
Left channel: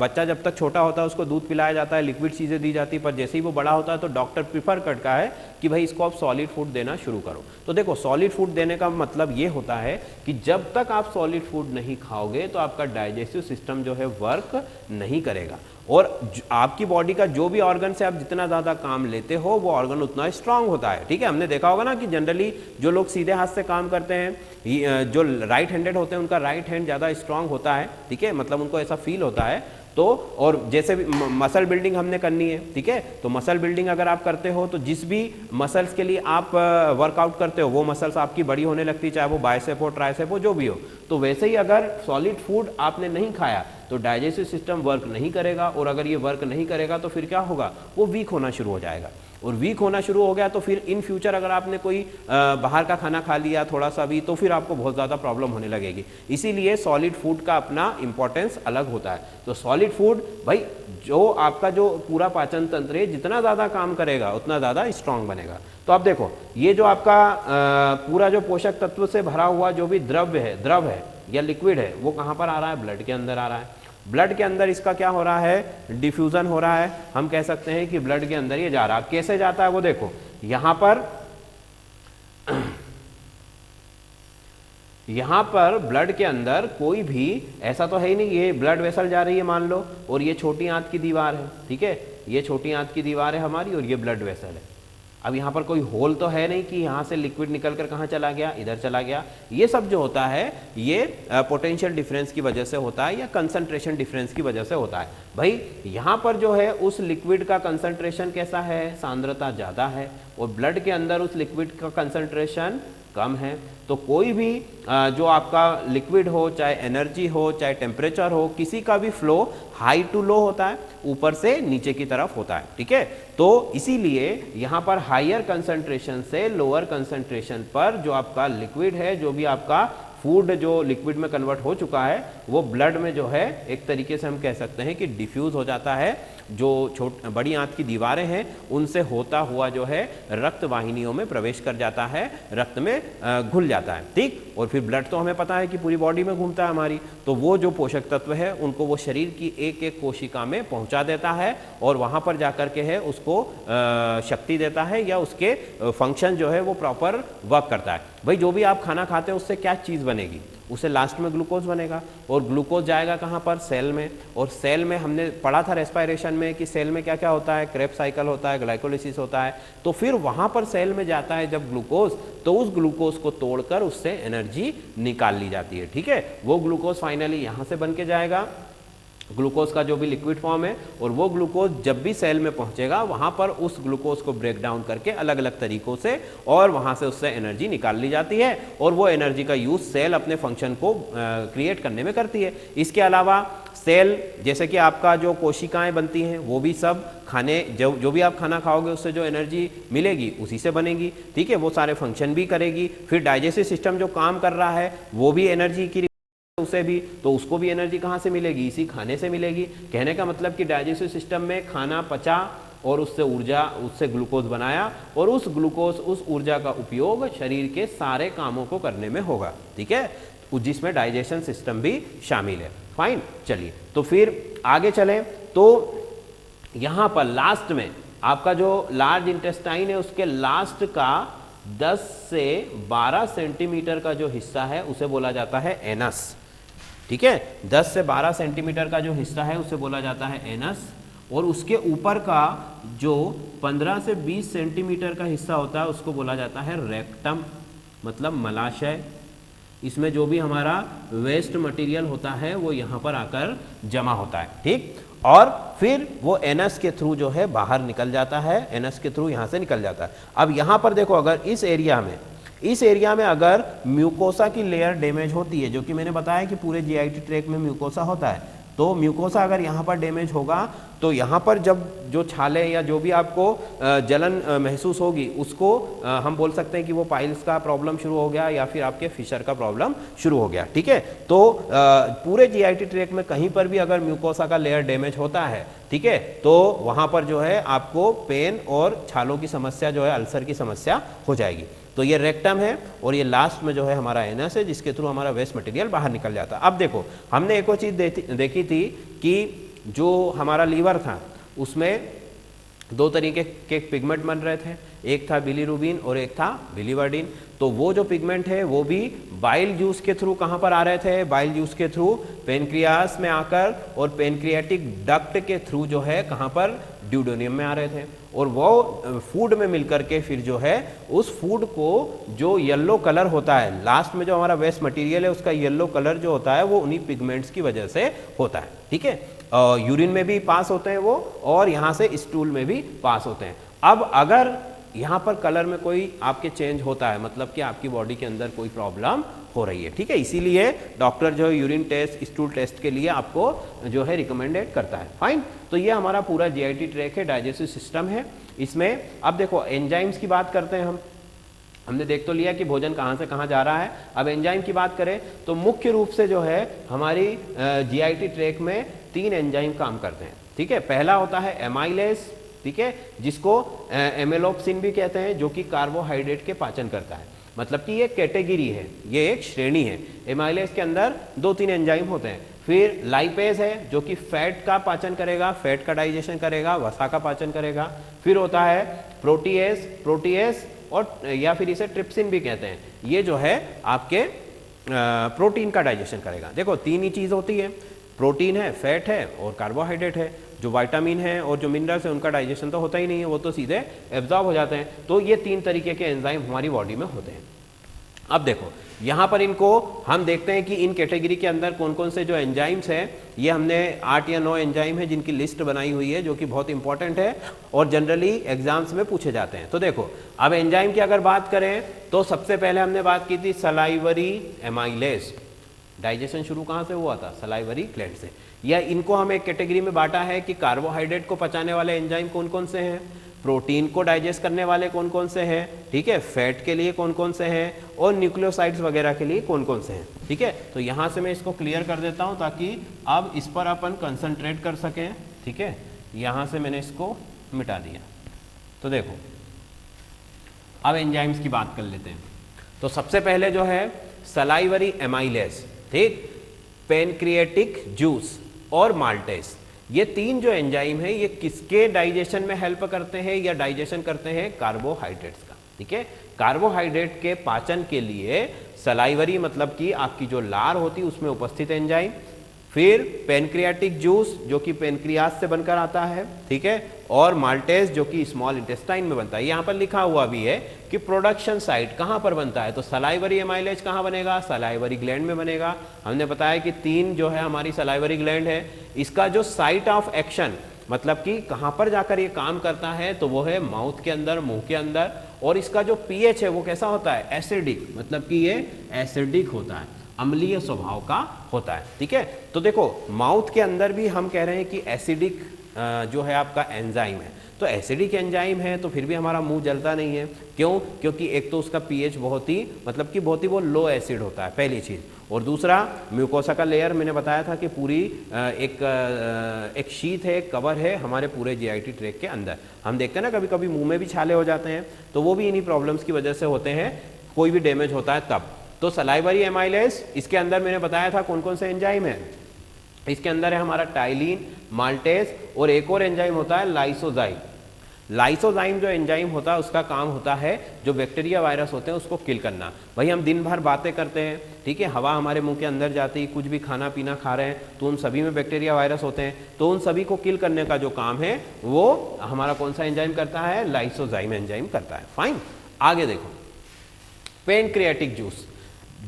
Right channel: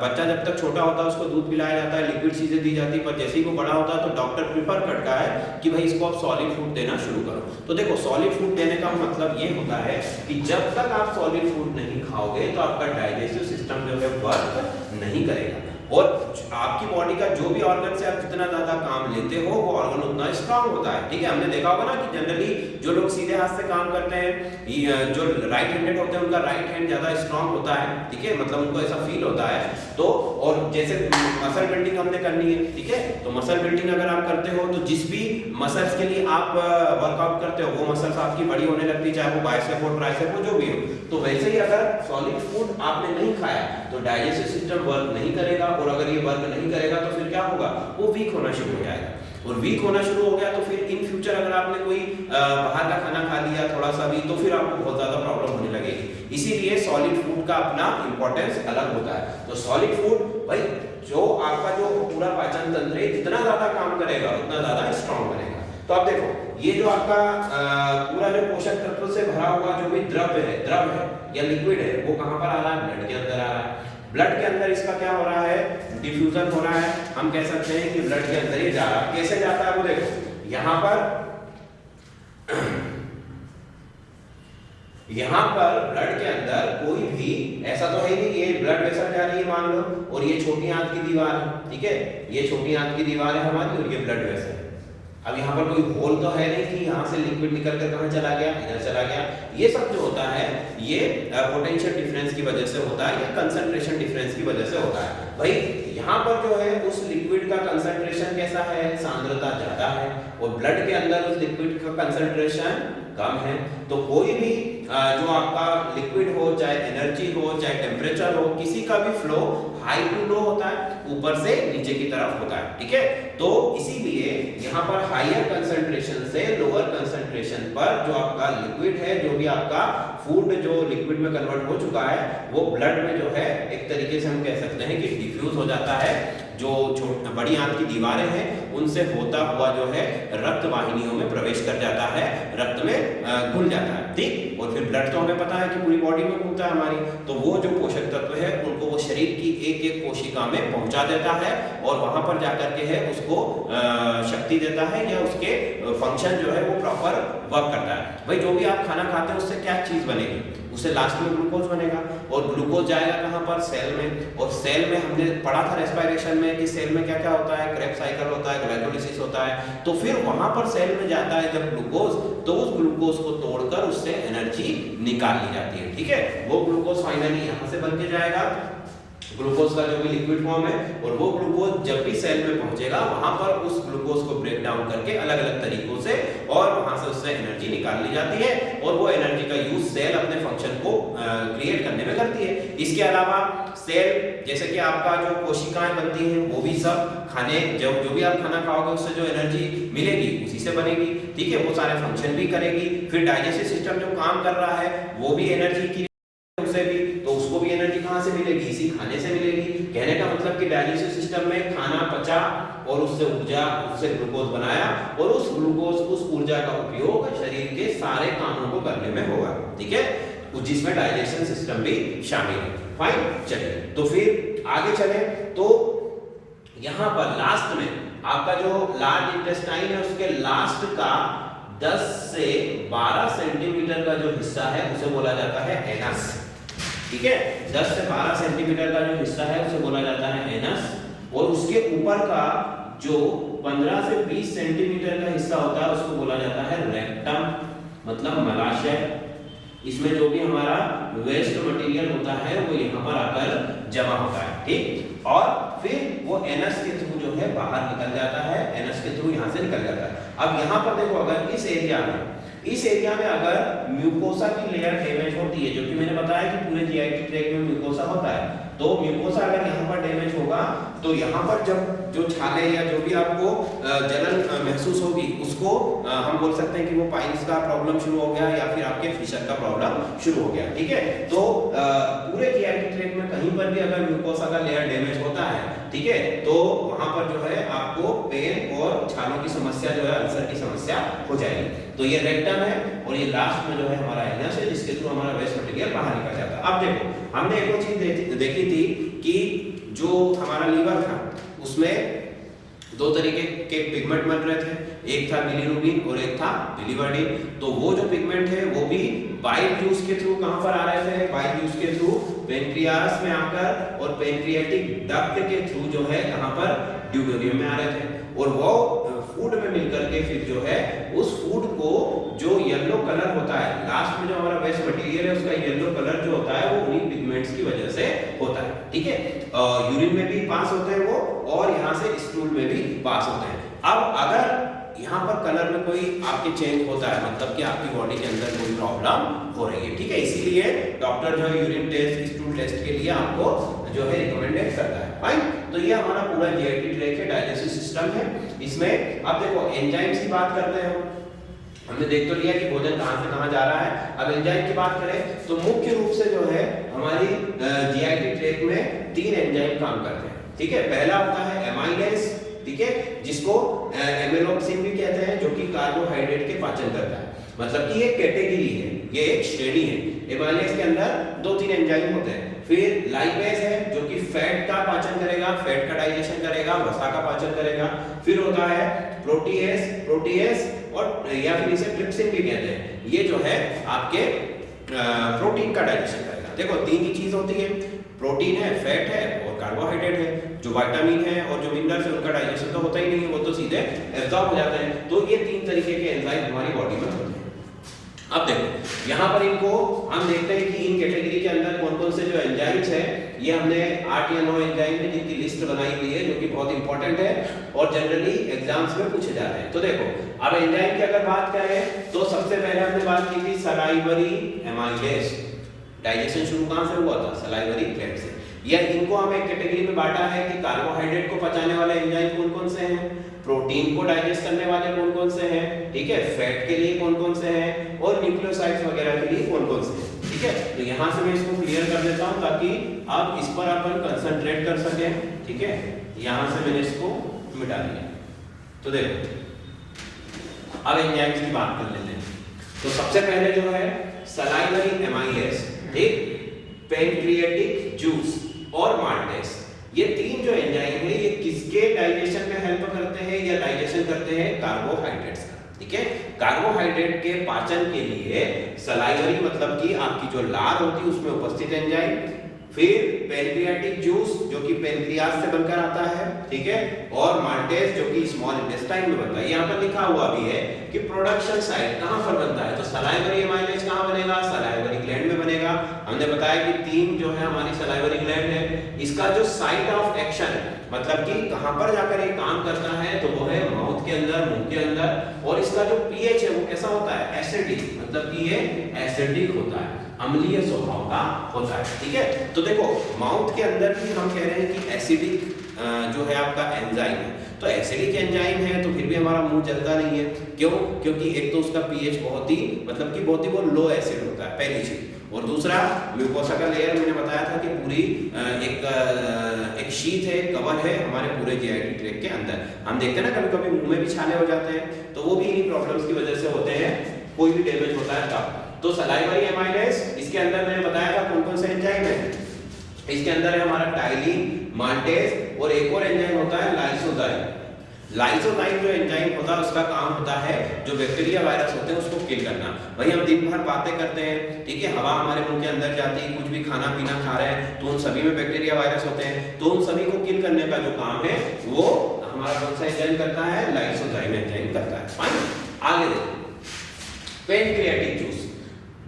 बच्चा जब तक छोटा होता है उसको दूध पिलाया जाता है, लिक्विड चीज़ें दी जाती है, पर जैसे ही वो बड़ा होता है तो डॉक्टर प्रिफर करता है कि भाई इसको आप सॉलिड फूड देना शुरू करो। तो देखो सॉलिड फूड देने का मतलब ये होता है कि जब तक आप सॉलिड फूड नहीं खाओगे तो आपका डाइजेस्टिव सिस्टम जो है वर्क नहीं करेगा, और आपकी बॉडी का जो भी ऑर्गन से आप जितना ज़्यादा काम लेते हो वो ऑर्गन उतना स्ट्रांग होता है। ठीक है, हमने देखा होगा ना कि जनरली जो लोग सीधे हाथ से काम करते हैं, जो राइट हैंडेड होते हैं उनका राइट हैंड ज़्यादा स्ट्रांग होता है। ठीक है, मतलब उनको ऐसा फील होता है। तो और जैसे मसल बिल्डिंग हमने करनी है, ठीक है, तो मसल बिल्डिंग अगर आप करते हो तो जिस भी मसल्स के लिए आप वर्कआउट करते हो वो मसल्स आपकी बड़ी होने लगती है, चाहे वो बाइसेप हो, ट्राइसेप हो, जो भी हो। तो वैसे ही अगर सॉलिड फूड आपने नहीं खाया तो डाइजेस्टिव सिस्टम वर्क नहीं करेगा, और अगर ये वर्क नहीं करेगा तो फिर क्या होगा, वो वीक होना शुरू हो जाएगा, और वीक होना शुरू हो गया तो फिर इन फ्यूचर अगर आपने कोई बाहर का खाना खा लिया थोड़ा सा भी, तो फिर आपको बहुत ज़्यादा प्रॉब्लम होने लगेगी। इसीलिए सॉलिड फूड का अपना इंपॉर्टेंस अलग होता है। तो सॉलिड फूड भाई जो आपका जो पूरा पाचन तंत्र है जितना ज़्यादा काम करेगा उतना ज़्यादा स्ट्रांग बनेगा। तो आप देखो ये जो आपका पूरा जो पोषक तत्व से भरा हुआ जो भी द्रव है या लिक्विड है, वो कहाँ पर आ रहा है, ब्लड के अंदर आ रहा है। ब्लड के अंदर इसका क्या हो रहा है, डिफ्यूजन हो रहा है। हम कह सकते हैं कि ब्लड के अंदर ये जा रहा है। कैसे जाता है वो देखो, यहाँ पर ब्लड के अंदर कोई भी ऐसा तो है नहीं, ये ब्लड वेसल जा रही है मान लो, और ये छोटी आंत की दीवार है, ठीक है, ये छोटी आंत की दीवार है हमारी और ये ब्लड वेसल है। अब यहाँ पर कोई होल तो है नहीं कि यहाँ से लिक्विड निकल कर कहाँ चला गया, इधर चला गया। ये सब जो होता है ये पोटेंशियल डिफरेंस की वजह से होता है या कंसंट्रेशन डिफरेंस की वजह से होता है। भाई यहाँ पर जो है उस लिक्विड का कंसंट्रेशन कैसा है, सांद्रता ज्यादा है, और ब्लड के अंदर उस लिक्विड का कंसंट्रेशन कम है। तो कोई भी जो आपका लिक्विड हो, चाहे एनर्जी हो, चाहे टेम्परेचर हो, किसी का भी फ्लो हाई टू लो होता है, ऊपर से नीचे की तरफ होता है। ठीक है, तो इसीलिए यहाँ पर हायर कंसंट्रेशन से लोअर कंसंट्रेशन पर जो आपका लिक्विड है, जो भी आपका फूड जो लिक्विड में कन्वर्ट हो चुका है, वो ब्लड में जो है एक तरीके से हम कह सकते हैं कि डिफ्यूज हो जाता है। जो बड़ी आंत की दीवारें हैं उनसे होता हुआ जो है रक्त वाहिनियों में प्रवेश कर जाता है, रक्त में घुल जाता है। ठीक, और फिर ब्लड तो हमें पता है कि पूरी बॉडी में घूमता है हमारी, तो वो जो पोषक तत्व है उनको वो शरीर की एक एक कोशिका में पहुंचा देता है, और वहां पर जाकर के है उसको शक्ति देता है, या उसके फंक्शन जो है वो प्रॉपर वर्क करता है। भाई जो भी आप खाना खाते हैं उससे क्या चीज बनेगी, उससे लास्ट में ग्लूकोज बनेगा, और ग्लूकोज जाएगा कहाँ पर, सेल में। और सेल में हमने पढ़ा था रेस्पिरेशन में कि सेल में क्या क्या होता है, क्रेब्स साइकिल होता है, ग्लाइकोलिसिस होता है। तो फिर वहां पर सेल में जाता है जब ग्लूकोज, तो उस ग्लूकोज को तोड़कर उससे एनर्जी निकाल ली जाती है। ठीक है, वो ग्लूकोज फाइनली यहाँ से बन के जाएगा, ग्लूकोज का जो भी लिक्विड फॉर्म है, और वो ग्लूकोज जब भी सेल में पहुंचेगा वहां पर उस ग्लूकोज को ब्रेक डाउन करके अलग अलग तरीकों से, और वहां से उससे एनर्जी निकाल ली जाती है, और वो एनर्जी का यूज सेल अपने फंक्शन को क्रिएट करने में करती है। इसके अलावा सेल जैसे कि आपका जो कोशिकाएं बनती हैं वो भी सब खाने जो भी आप खाना खाओगे उससे जो एनर्जी मिलेगी उसी से बनेगी। ठीक है, वो सारे फंक्शन भी करेगी। फिर डाइजेस्टिव सिस्टम जो काम कर रहा है वो भी एनर्जी की उसे भी, तो उसको भी एनर्जी कहाँ से मिलेगी, इसी खाने से मिलेगी। कहने का मतलब कि डाइजेस्टिव सिस्टम में खाना पचा और उससे ऊर्जा, उससे ग्लूकोज बनाया, और उस ग्लूकोज उस ऊर्जा का उपयोग शरीर के सारे कामों को करने में होगा। ठीक है, जिसमें डाइजेशन सिस्टम भी शामिल है। फाइन, चलिए तो फिर आगे चले। तो यहाँ पर लास्ट में आपका जो लार्ज इंटेस्टाइन है उसके लास्ट का 10 से 12 सेंटीमीटर का जो हिस्सा है उसे बोला जाता है एनस। ठीक है, 10 से 12 सेंटीमीटर का जो हिस्सा है उसे बोला जाता है एनस, और उसके ऊपर का जो 15 से 20 सेंटीमीटर का हिस्सा होता है उसको बोला जाता है रेक्टम, मतलब मलाशय। इसमें जो भी हमारा वेस्ट मटेरियल होता है वो यहाँ पर आकर जमा होता है। ठीक, और फिर वो एनस के थ्रू जो है बाहर निकल जाता है, एनस के थ्रू यहाँ से निकल जाता है। अब यहाँ पर देखो, अगर इस एरिया में अगर म्यूकोसा की लेयर डैमेज होती है, जो कि मैंने बताया कि पूरे जीआईटी ट्रैक्ट में म्यूकोसा होता है, तो म्यूकोसा अगर यहाँ पर डैमेज होगा तो यहाँ पर जब जो छाले या जो भी आपको जलन महसूस होगी उसको हम बोल सकते हैं कि वो पाइल्स का प्रॉब्लम शुरू हो गया या फिर आपके फिशर का प्रॉब्लम शुरू हो गया। ठीक है, तो पूरे जीआईटी ट्रैक्ट में कहीं पर भी अगर म्यूकोसा का लेयर डैमेज होता है, ठीक है, तो वहां पर जो है आपको पेन और छालों की समस्या जो है, अल्सर की समस्या हो जाएगी। तो ये रेक्टम है और ये लास्ट में जो है हमारा एनस है जिसके थ्रू हमारा वेस्ट मटेरियल बाहर निकल जाता है। अब देखो हमने एक और चीज देखी थी कि जो हमारा लीवर था उसमें दो तरीके के पिगमेंट बन रहे थे, एक था बिलीरुबिन और एक था बिलीवर्डिन। तो वो जो पिगमेंट है वो भी बाइल जूस के थ्रू कहां पर आ रहे थे, बाइल जूस के थ्रू पेनक्रियास में आकर और पेनक्रियाटिक डक्ट के थ्रू जो है कहां पर ड्यूडेनियम में आ रहे थे और वो फूड में मिलकर के फिर जो है उस फूड को जो येलो कलर होता है, लास्ट में जो हमारा वेस्ट मटेरियल है उसका येलो कलर जो होता है वो उन्हीं पिगमेंट्स की वजह से होता है। ठीक है, यूरिन में भी पास होते हैं वो और यहाँ से स्टूल में भी पास होते हैं। अब अगर यहाँ पर कलर में कोई आपके चेंज होता है मतलब कि आपकी बॉडी के अंदर कोई प्रॉब्लम हो रही है, ठीक है, इसीलिए डॉक्टर जो है यूरिन टेस्ट, स्टूल टेस्ट के लिए आपको जो है रिकमेंडेड करता है। फाइन, तो ये हमारा पूरा जीआईटी ट्रैक्ट है, डाइजेस्टिव सिस्टम है। इसमें अब देखो एंजाइम्स की बात करते हैं हमने देख तो लिया कि भोजन कहाँ से कहाँ जा रहा है। अब एंजाइम की बात करें तो मुख्य रूप से जो है हमारी जीआईटी ट्रैक्ट में 3 एंजाइम काम करते हैं। ठीक है, पहला होता है एमाइलेज, ठीक है, जिसको एमिलोक्सिन भी कहते हैं, जो कि कार्बोहाइड्रेट के पाचन करता है। मतलब कि ये कैटेगरी है, ये एक श्रेणी है। एमाइलेज के अंदर 2-3 एंजाइम होते हैं। फिर लाइपेज है जो कि फैट का पाचन करेगा, फैट का डाइजेशन करेगा, वसा का पाचन करेगा। फिर होता है प्रोटीएस और या फिर इसे ट्रिप्सिन भी कहते हैं, ये जो है आपके प्रोटीन का डाइजेशन करेगा। देखो 3 ही चीज होती है, प्रोटीन है, फैट है और कार्बोहाइड्रेट है। जो विटामिन है और जो मिनरल्स है उनका डाइजेशन तो होता ही नहीं है, वो तो सीधे एब्जॉर्ब हो जाते हैं। तो ये 3 तरीके के एंजाइम हमारी बॉडी में होते हैं। अब देखो यहाँ पर इनको हम देखते हैं कि इन कैटेगरी के अंदर कौन कौन से जो एंजाइम्स हैं, ये हमने 8 या 9 एंजाइम है जिनकी लिस्ट बनाई हुई है, जो कि बहुत इंपॉर्टेंट है और जनरली एग्जाम्स में पूछे जाते हैं। तो देखो अब एंजाइम की अगर बात करें तो सबसे पहले हमने बात की थी सलाइवरी एमाइलेज। डाइजेशन शुरू कहाँ से हुआ था? सलाइवरी ग्लैंड से। यह इनको हम एक कैटेगरी में बांटा है कि कार्बोहाइड्रेट को पचाने वाले एंजाइम कौन कौन से हैं, प्रोटीन को डाइजेस्ट करने वाले कौन कौन से हैं, ठीक है, फैट के लिए कौन कौन से हैं और न्यूक्लियोसाइड्स वगैरह के लिए कौन कौन से हैं। ठीक है, तो यहाँ से मैं इसको क्लियर कर देता हूँ ताकि अब इस पर अपन कंसंट्रेट कर सकें। ठीक है, यहाँ से मैंने इसको मिटा दिया। तो देखो अब एंजाइम्स की बात कर लेते हैं। तो सबसे पहले जो है सलाइवरी एमाइलेज, ठीक, पेनक्रियाटिक जूस और माल्टेज, ये 3 जो एंजाइम है ये किसके डाइजेशन में हेल्प करते हैं या डाइजेशन करते हैं? कार्बोहाइड्रेट्स का। ठीक है, कार्बोहाइड्रेट के पाचन के लिए सलाइवरी मतलब कि आपकी जो लार होती है उसमें उपस्थित एंजाइम, फिर पेनक्रियाटिक जूस जो कि पेनक्रियास से बनकर आता है, ठीक है, और माल्टेज जो कि स्मॉल इंटेस्टाइन में बनता है। यहाँ पर लिखा हुआ भी है कि प्रोडक्शन साइट कहाँ पर बनता है, तो सलाइवरी एमाइलेज कहाँ बनेगा? सलाइवरी ग्लैंड में बनेगा। हमने बताया कि 3 जो है हमारी सलाइवरी ग्लैंड है, इसका जो साइट ऑफ एक्शन मतलब कि कहाँ पर जाकर ये काम करता है तो वो है माउथ के अंदर, मुंह के अंदर, और इसका जो पीएच है वो कैसा होता है? एसिडिक, मतलब कि ये एसिडिक होता है, अम्लीय स्वभाव का होता है। ठीक है, तो देखो माउथ के अंदर भी हम कह रहे हैं कि एसिडिक जो है आपका एंजाइम है, तो एसिडिक एंजाइम है तो फिर भी हमारा मुंह जलता नहीं है। क्यों? क्योंकि एक तो उसका पीएच बहुत ही मतलब कि बहुत ही वो लो एसिड होता है, पहली चीज, और दूसरा म्यूकोसा का लेयर मैंने बताया था कि पूरी एक शीट है, कवर है हमारे पूरे जीआईटी ट्रैक्ट के अंदर। हम देखते हैं ना कभी कभी मुंह में भी छाले हो जाते हैं, तो वो भी इन्हीं प्रॉब्लम्स की वजह से होते हैं, कोई भी डैमेज होता है तब। तो सलाइवरी एमाइलेज, इसके अंदर मैंने बताया था कौन कौन से एंजाइम है। इसके अंदर है हमारा टाइलिन, माल्टेज और एक और एंजाइम होता है लाइसोजाइम। लाइसोजाइम जो एंजाइम होता है उसका काम होता है जो बैक्टीरिया वायरस होते हैं उसको किल करना। वही हम दिन भर बातें करते हैं, ठीक है, हवा हमारे मुंह के अंदर जाती है, कुछ भी खाना पीना खा रहे हैं तो उन सभी में बैक्टीरिया वायरस होते हैं, तो उन सभी को किल करने का जो काम है वो हमारा कौन सा एंजाइम करता है? लाइसोजाइम एंजाइम करता है। फाइन, आगे देखो पेनक्रियाटिक जूस।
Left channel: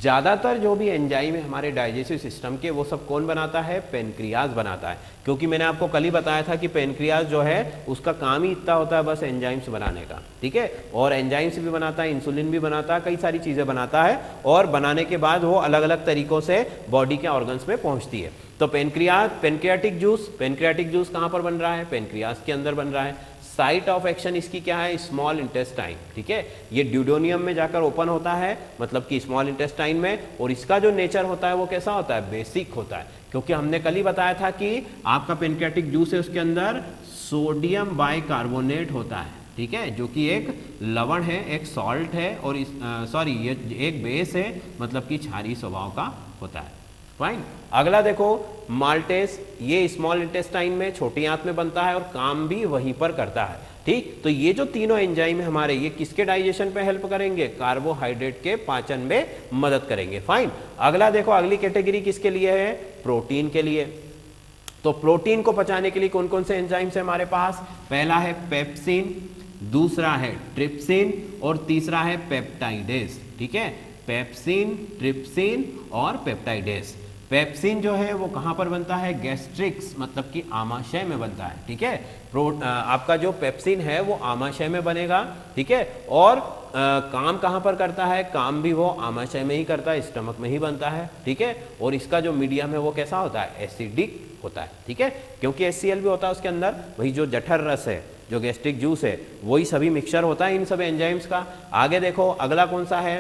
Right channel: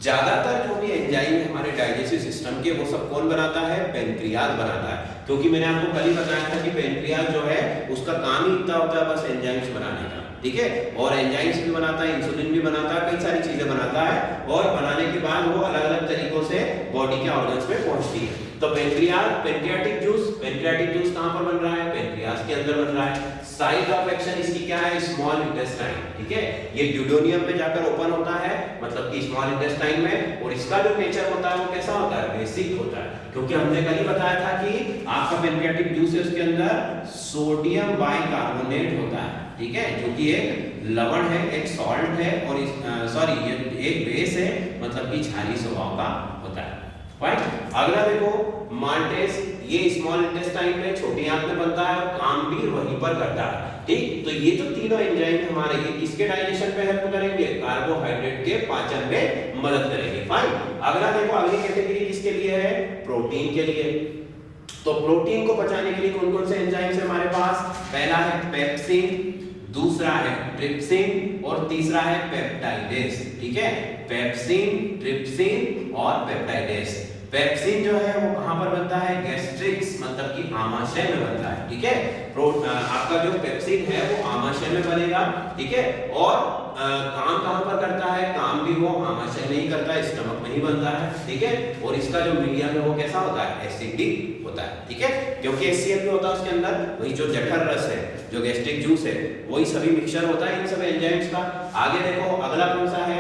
ज्यादातर जो भी एंजाइम है हमारे डाइजेस्टिव सिस्टम के वो सब कौन बनाता है? पेनक्रियाज बनाता है, क्योंकि मैंने आपको कल ही बताया था कि पेनक्रियाज जो है उसका काम ही इतना होता है बस एंजाइम्स बनाने का। ठीक है। और एंजाइम्स भी बनाता है, इंसुलिन भी बनाता है, कई सारी चीजें बनाता है और बनाने के बाद वो अलग अलग तरीकों से बॉडी के ऑर्गन्स पे पहुंचती है। तो पेनक्रियाटिक जूस कहां पर बन रहा है? पेनक्रियास के अंदर बन रहा है। साइट ऑफ एक्शन इसकी क्या है? स्मॉल इंटेस्टाइन, ठीक है। ये ड्यूडेनियम में जाकर ओपन होता है, मतलब कि स्मॉल इंटेस्टाइन में, और इसका जो नेचर होता है वो कैसा होता है? बेसिक होता है, क्योंकि हमने कल ही बताया था कि आपका पेनक्रियाटिक जूस है, उसके अंदर सोडियम बाइकार्बोनेट होता है, ठीक है, जो कि एक लवण है, एक सॉल्ट है, और ये एक बेस है, मतलब कि क्षारीय स्वभाव का होता है, राइट। अगला देखो माल्टेज, ये स्मॉल इंटेस्टाइन में छोटी आंत में बनता है और काम भी वहीं पर करता है, ठीक। तो ये जो तीनों एंजाइम है हमारे, ये किसके डाइजेशन पे हेल्प करेंगे? कार्बोहाइड्रेट के पाचन में मदद करेंगे, फाइन। अगला देखो, अगली कैटेगरी किसके लिए है? प्रोटीन के लिए। तो प्रोटीन को पचाने के लिए कौन कौन से एंजाइम्स है हमारे पास? पहला है पेप्सिन, दूसरा है ट्रिप्सिन और तीसरा है पेप्टाइडेस, ठीक है। पेप्सिन, ट्रिप्सिन और पेप्टाइडेस। पेप्सिन जो है वो कहां पर बनता है? गैस्ट्रिक्स, मतलब कि आमाशय में बनता है, ठीक है। आपका जो पेप्सिन है वो आमाशय में बनेगा, ठीक है। और काम कहां पर करता है? काम भी वो आमाशय में ही करता है, स्टमक में ही बनता है, ठीक है। और इसका जो मीडियम है वो कैसा होता है? एसिडिक होता है, ठीक है, क्योंकि HCl भी होता है उसके अंदर। वही जो जठर रस है, जो गैस्ट्रिक जूस है, वही सभी मिक्सचर होता है इन सब एंजाइम्स का। आगे देखो अगला कौन सा है?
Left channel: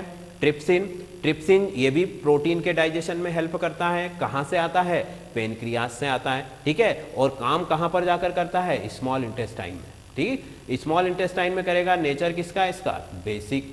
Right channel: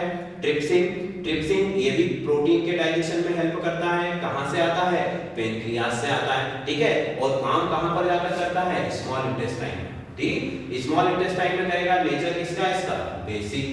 ट्रिप्सिन, ये भी प्रोटीन के डाइजेशन में हेल्प करता है। कहां से आता है? पेनक्रियास से आता है, ठीक है। और काम कहां पर जाकर करता है? स्मॉल इंटेस्टाइन, ठीक। स्मॉल इंटेस्टाइन में करेगा। नेचर किसका? इसका बेसिक।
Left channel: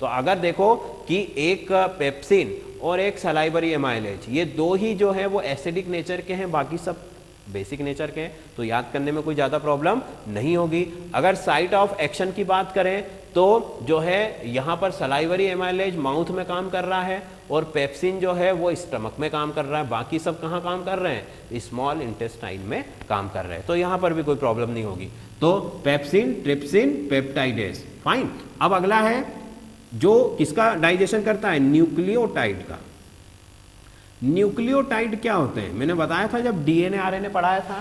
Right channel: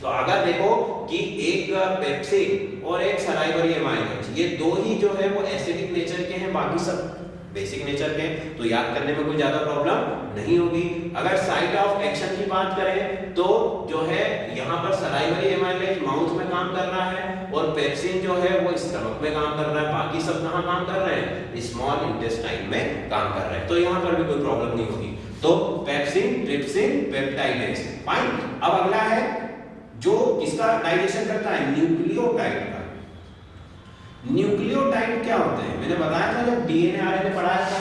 तो अगर देखो कि एक पेप्सिन और एक सलाइवरी एमाइलेज, ये दो ही जो है वो एसिडिक नेचर के हैं, बाकी सब बेसिक नेचर के, तो याद करने में कोई ज्यादा प्रॉब्लम नहीं होगी। अगर साइट ऑफ एक्शन की बात करें तो जो है यहाँ पर सलाइवरी एमाइलेज माउथ में काम कर रहा है और पेप्सिन जो है वो स्टमक में काम कर रहा है, बाकी सब कहाँ काम कर रहे हैं? स्मॉल इंटेस्टाइन में काम कर रहे हैं, तो यहाँ पर भी कोई प्रॉब्लम नहीं होगी। तो पेप्सिन, ट्रिप्सिन, पेप्टाइडेस, फाइन। अब अगला है जो किसका डाइजेशन करता है? न्यूक्लियोटाइड का। न्यूक्लियोटाइड क्या होते हैं? मैंने बताया था जब DNA RNA पढ़ाया था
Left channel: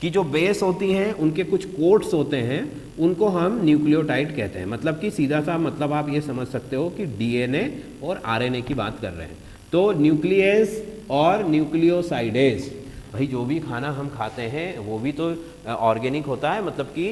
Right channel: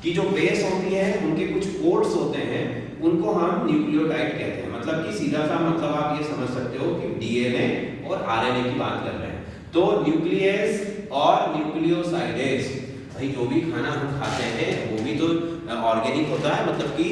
कि जो बेस होती हैं उनके कुछ कोड्स होते हैं, उनको हम न्यूक्लियोटाइड कहते हैं। मतलब कि सीधा सा मतलब आप ये समझ सकते हो कि DNA और RNA की बात कर रहे हैं। तो न्यूक्लियस और न्यूक्लियोसाइडेस, भाई जो भी खाना हम खाते हैं वो भी तो ऑर्गेनिक होता है, मतलब कि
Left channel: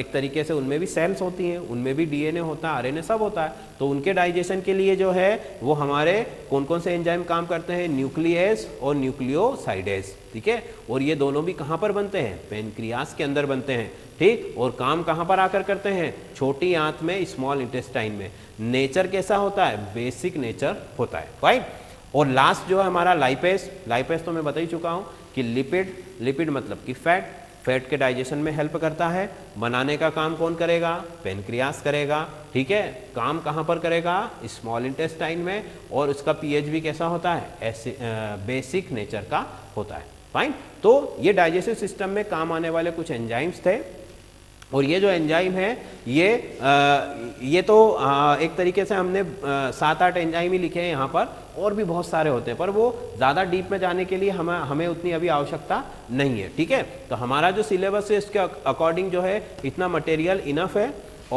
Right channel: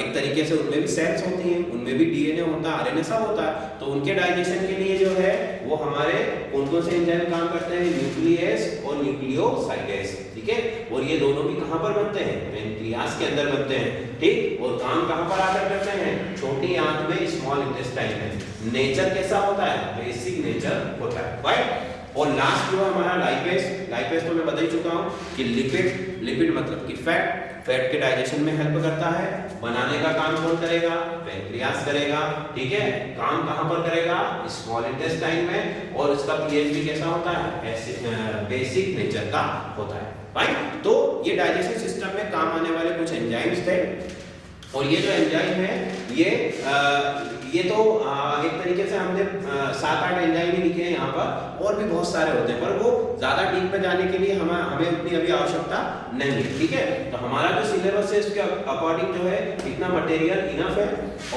एक तरीके से उनमें भी सेल्स होती हैं, उनमें भी DNA होता है, RNA सब होता है। तो उनके डाइजेशन के लिए जो है वो हमारे कौन कौन से एंजाइम काम करते हैं? न्यूक्लियस और न्यूक्लियोसाइडेस, ठीक है। और ये दोनों भी कहाँ पर बनते हैं? पेनक्रियास के अंदर बनते हैं, ठीक। और काम कहाँ पर आकर करते हैं? छोटी आंत में, स्मॉल इंटेस्टाइन में। नेचर कैसा होता है? बेसिक नेचर होता है, राइट। और लास्ट जो है हमारा लाइपेज तो मैं बता ही चुका हूं कि लिपिड मतलब कि फैट के डाइजेशन में हेल्प करता है। बनाने का काम कौन करेगा? पेनक्रियास करेगा, ठीक है। काम कहां पर करेगा? स्मॉल इंटेस्टाइन में। और उसका पीएच भी कैसा होता है? बेसिक नेचर का होता है, फाइन। तो ये डाइजेस्टिव सिस्टम में काम आने वाले कुछ एंजाइम्स थे। और ये जो एंजाइम है ये तो एक तरीके से हमने 7-8 एंजाइम ही लिखे हैं यहाँ पर, और भी बहुत सारे होते हैं, पर वो ज़्यादा डीप में जाने के लिए हमें उतनी अभी आवश्यकता नहीं है, ठीक है। तो हमारा जो सिलेबस है इसके अकॉर्डिंग जो है इतना मटेरियल इनफ है,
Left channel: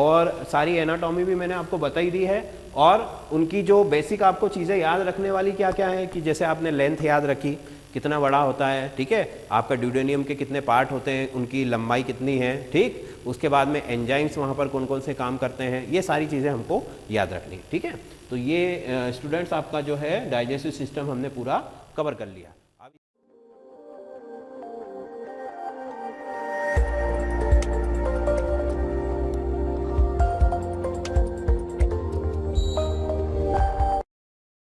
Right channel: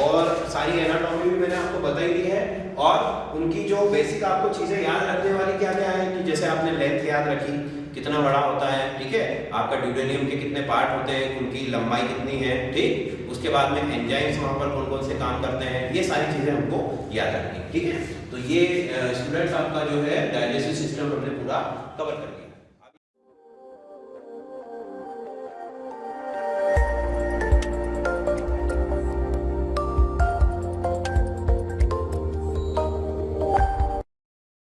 और सारी एनाटॉमी भी मैंने आपको बता ही दी है। और उनकी जो बेसिक आपको चीज़ें याद रखने वाली क्या क्या है कि जैसे आपने लेंथ याद रखी, कितना बड़ा होता है, ठीक है। आपका ड्यूडेनियम के कितने पार्ट होते हैं, उनकी लंबाई कितनी है, ठीक। उसके बाद में एंजाइम्स वहाँ पर कौन कौन से काम करते हैं, ये सारी चीज़ें हमको याद रखनी है, ठीक है। तो ये स्टूडेंट्स आपका जो है डाइजेस्टिव सिस्टम हमने पूरा कवर कर लिया।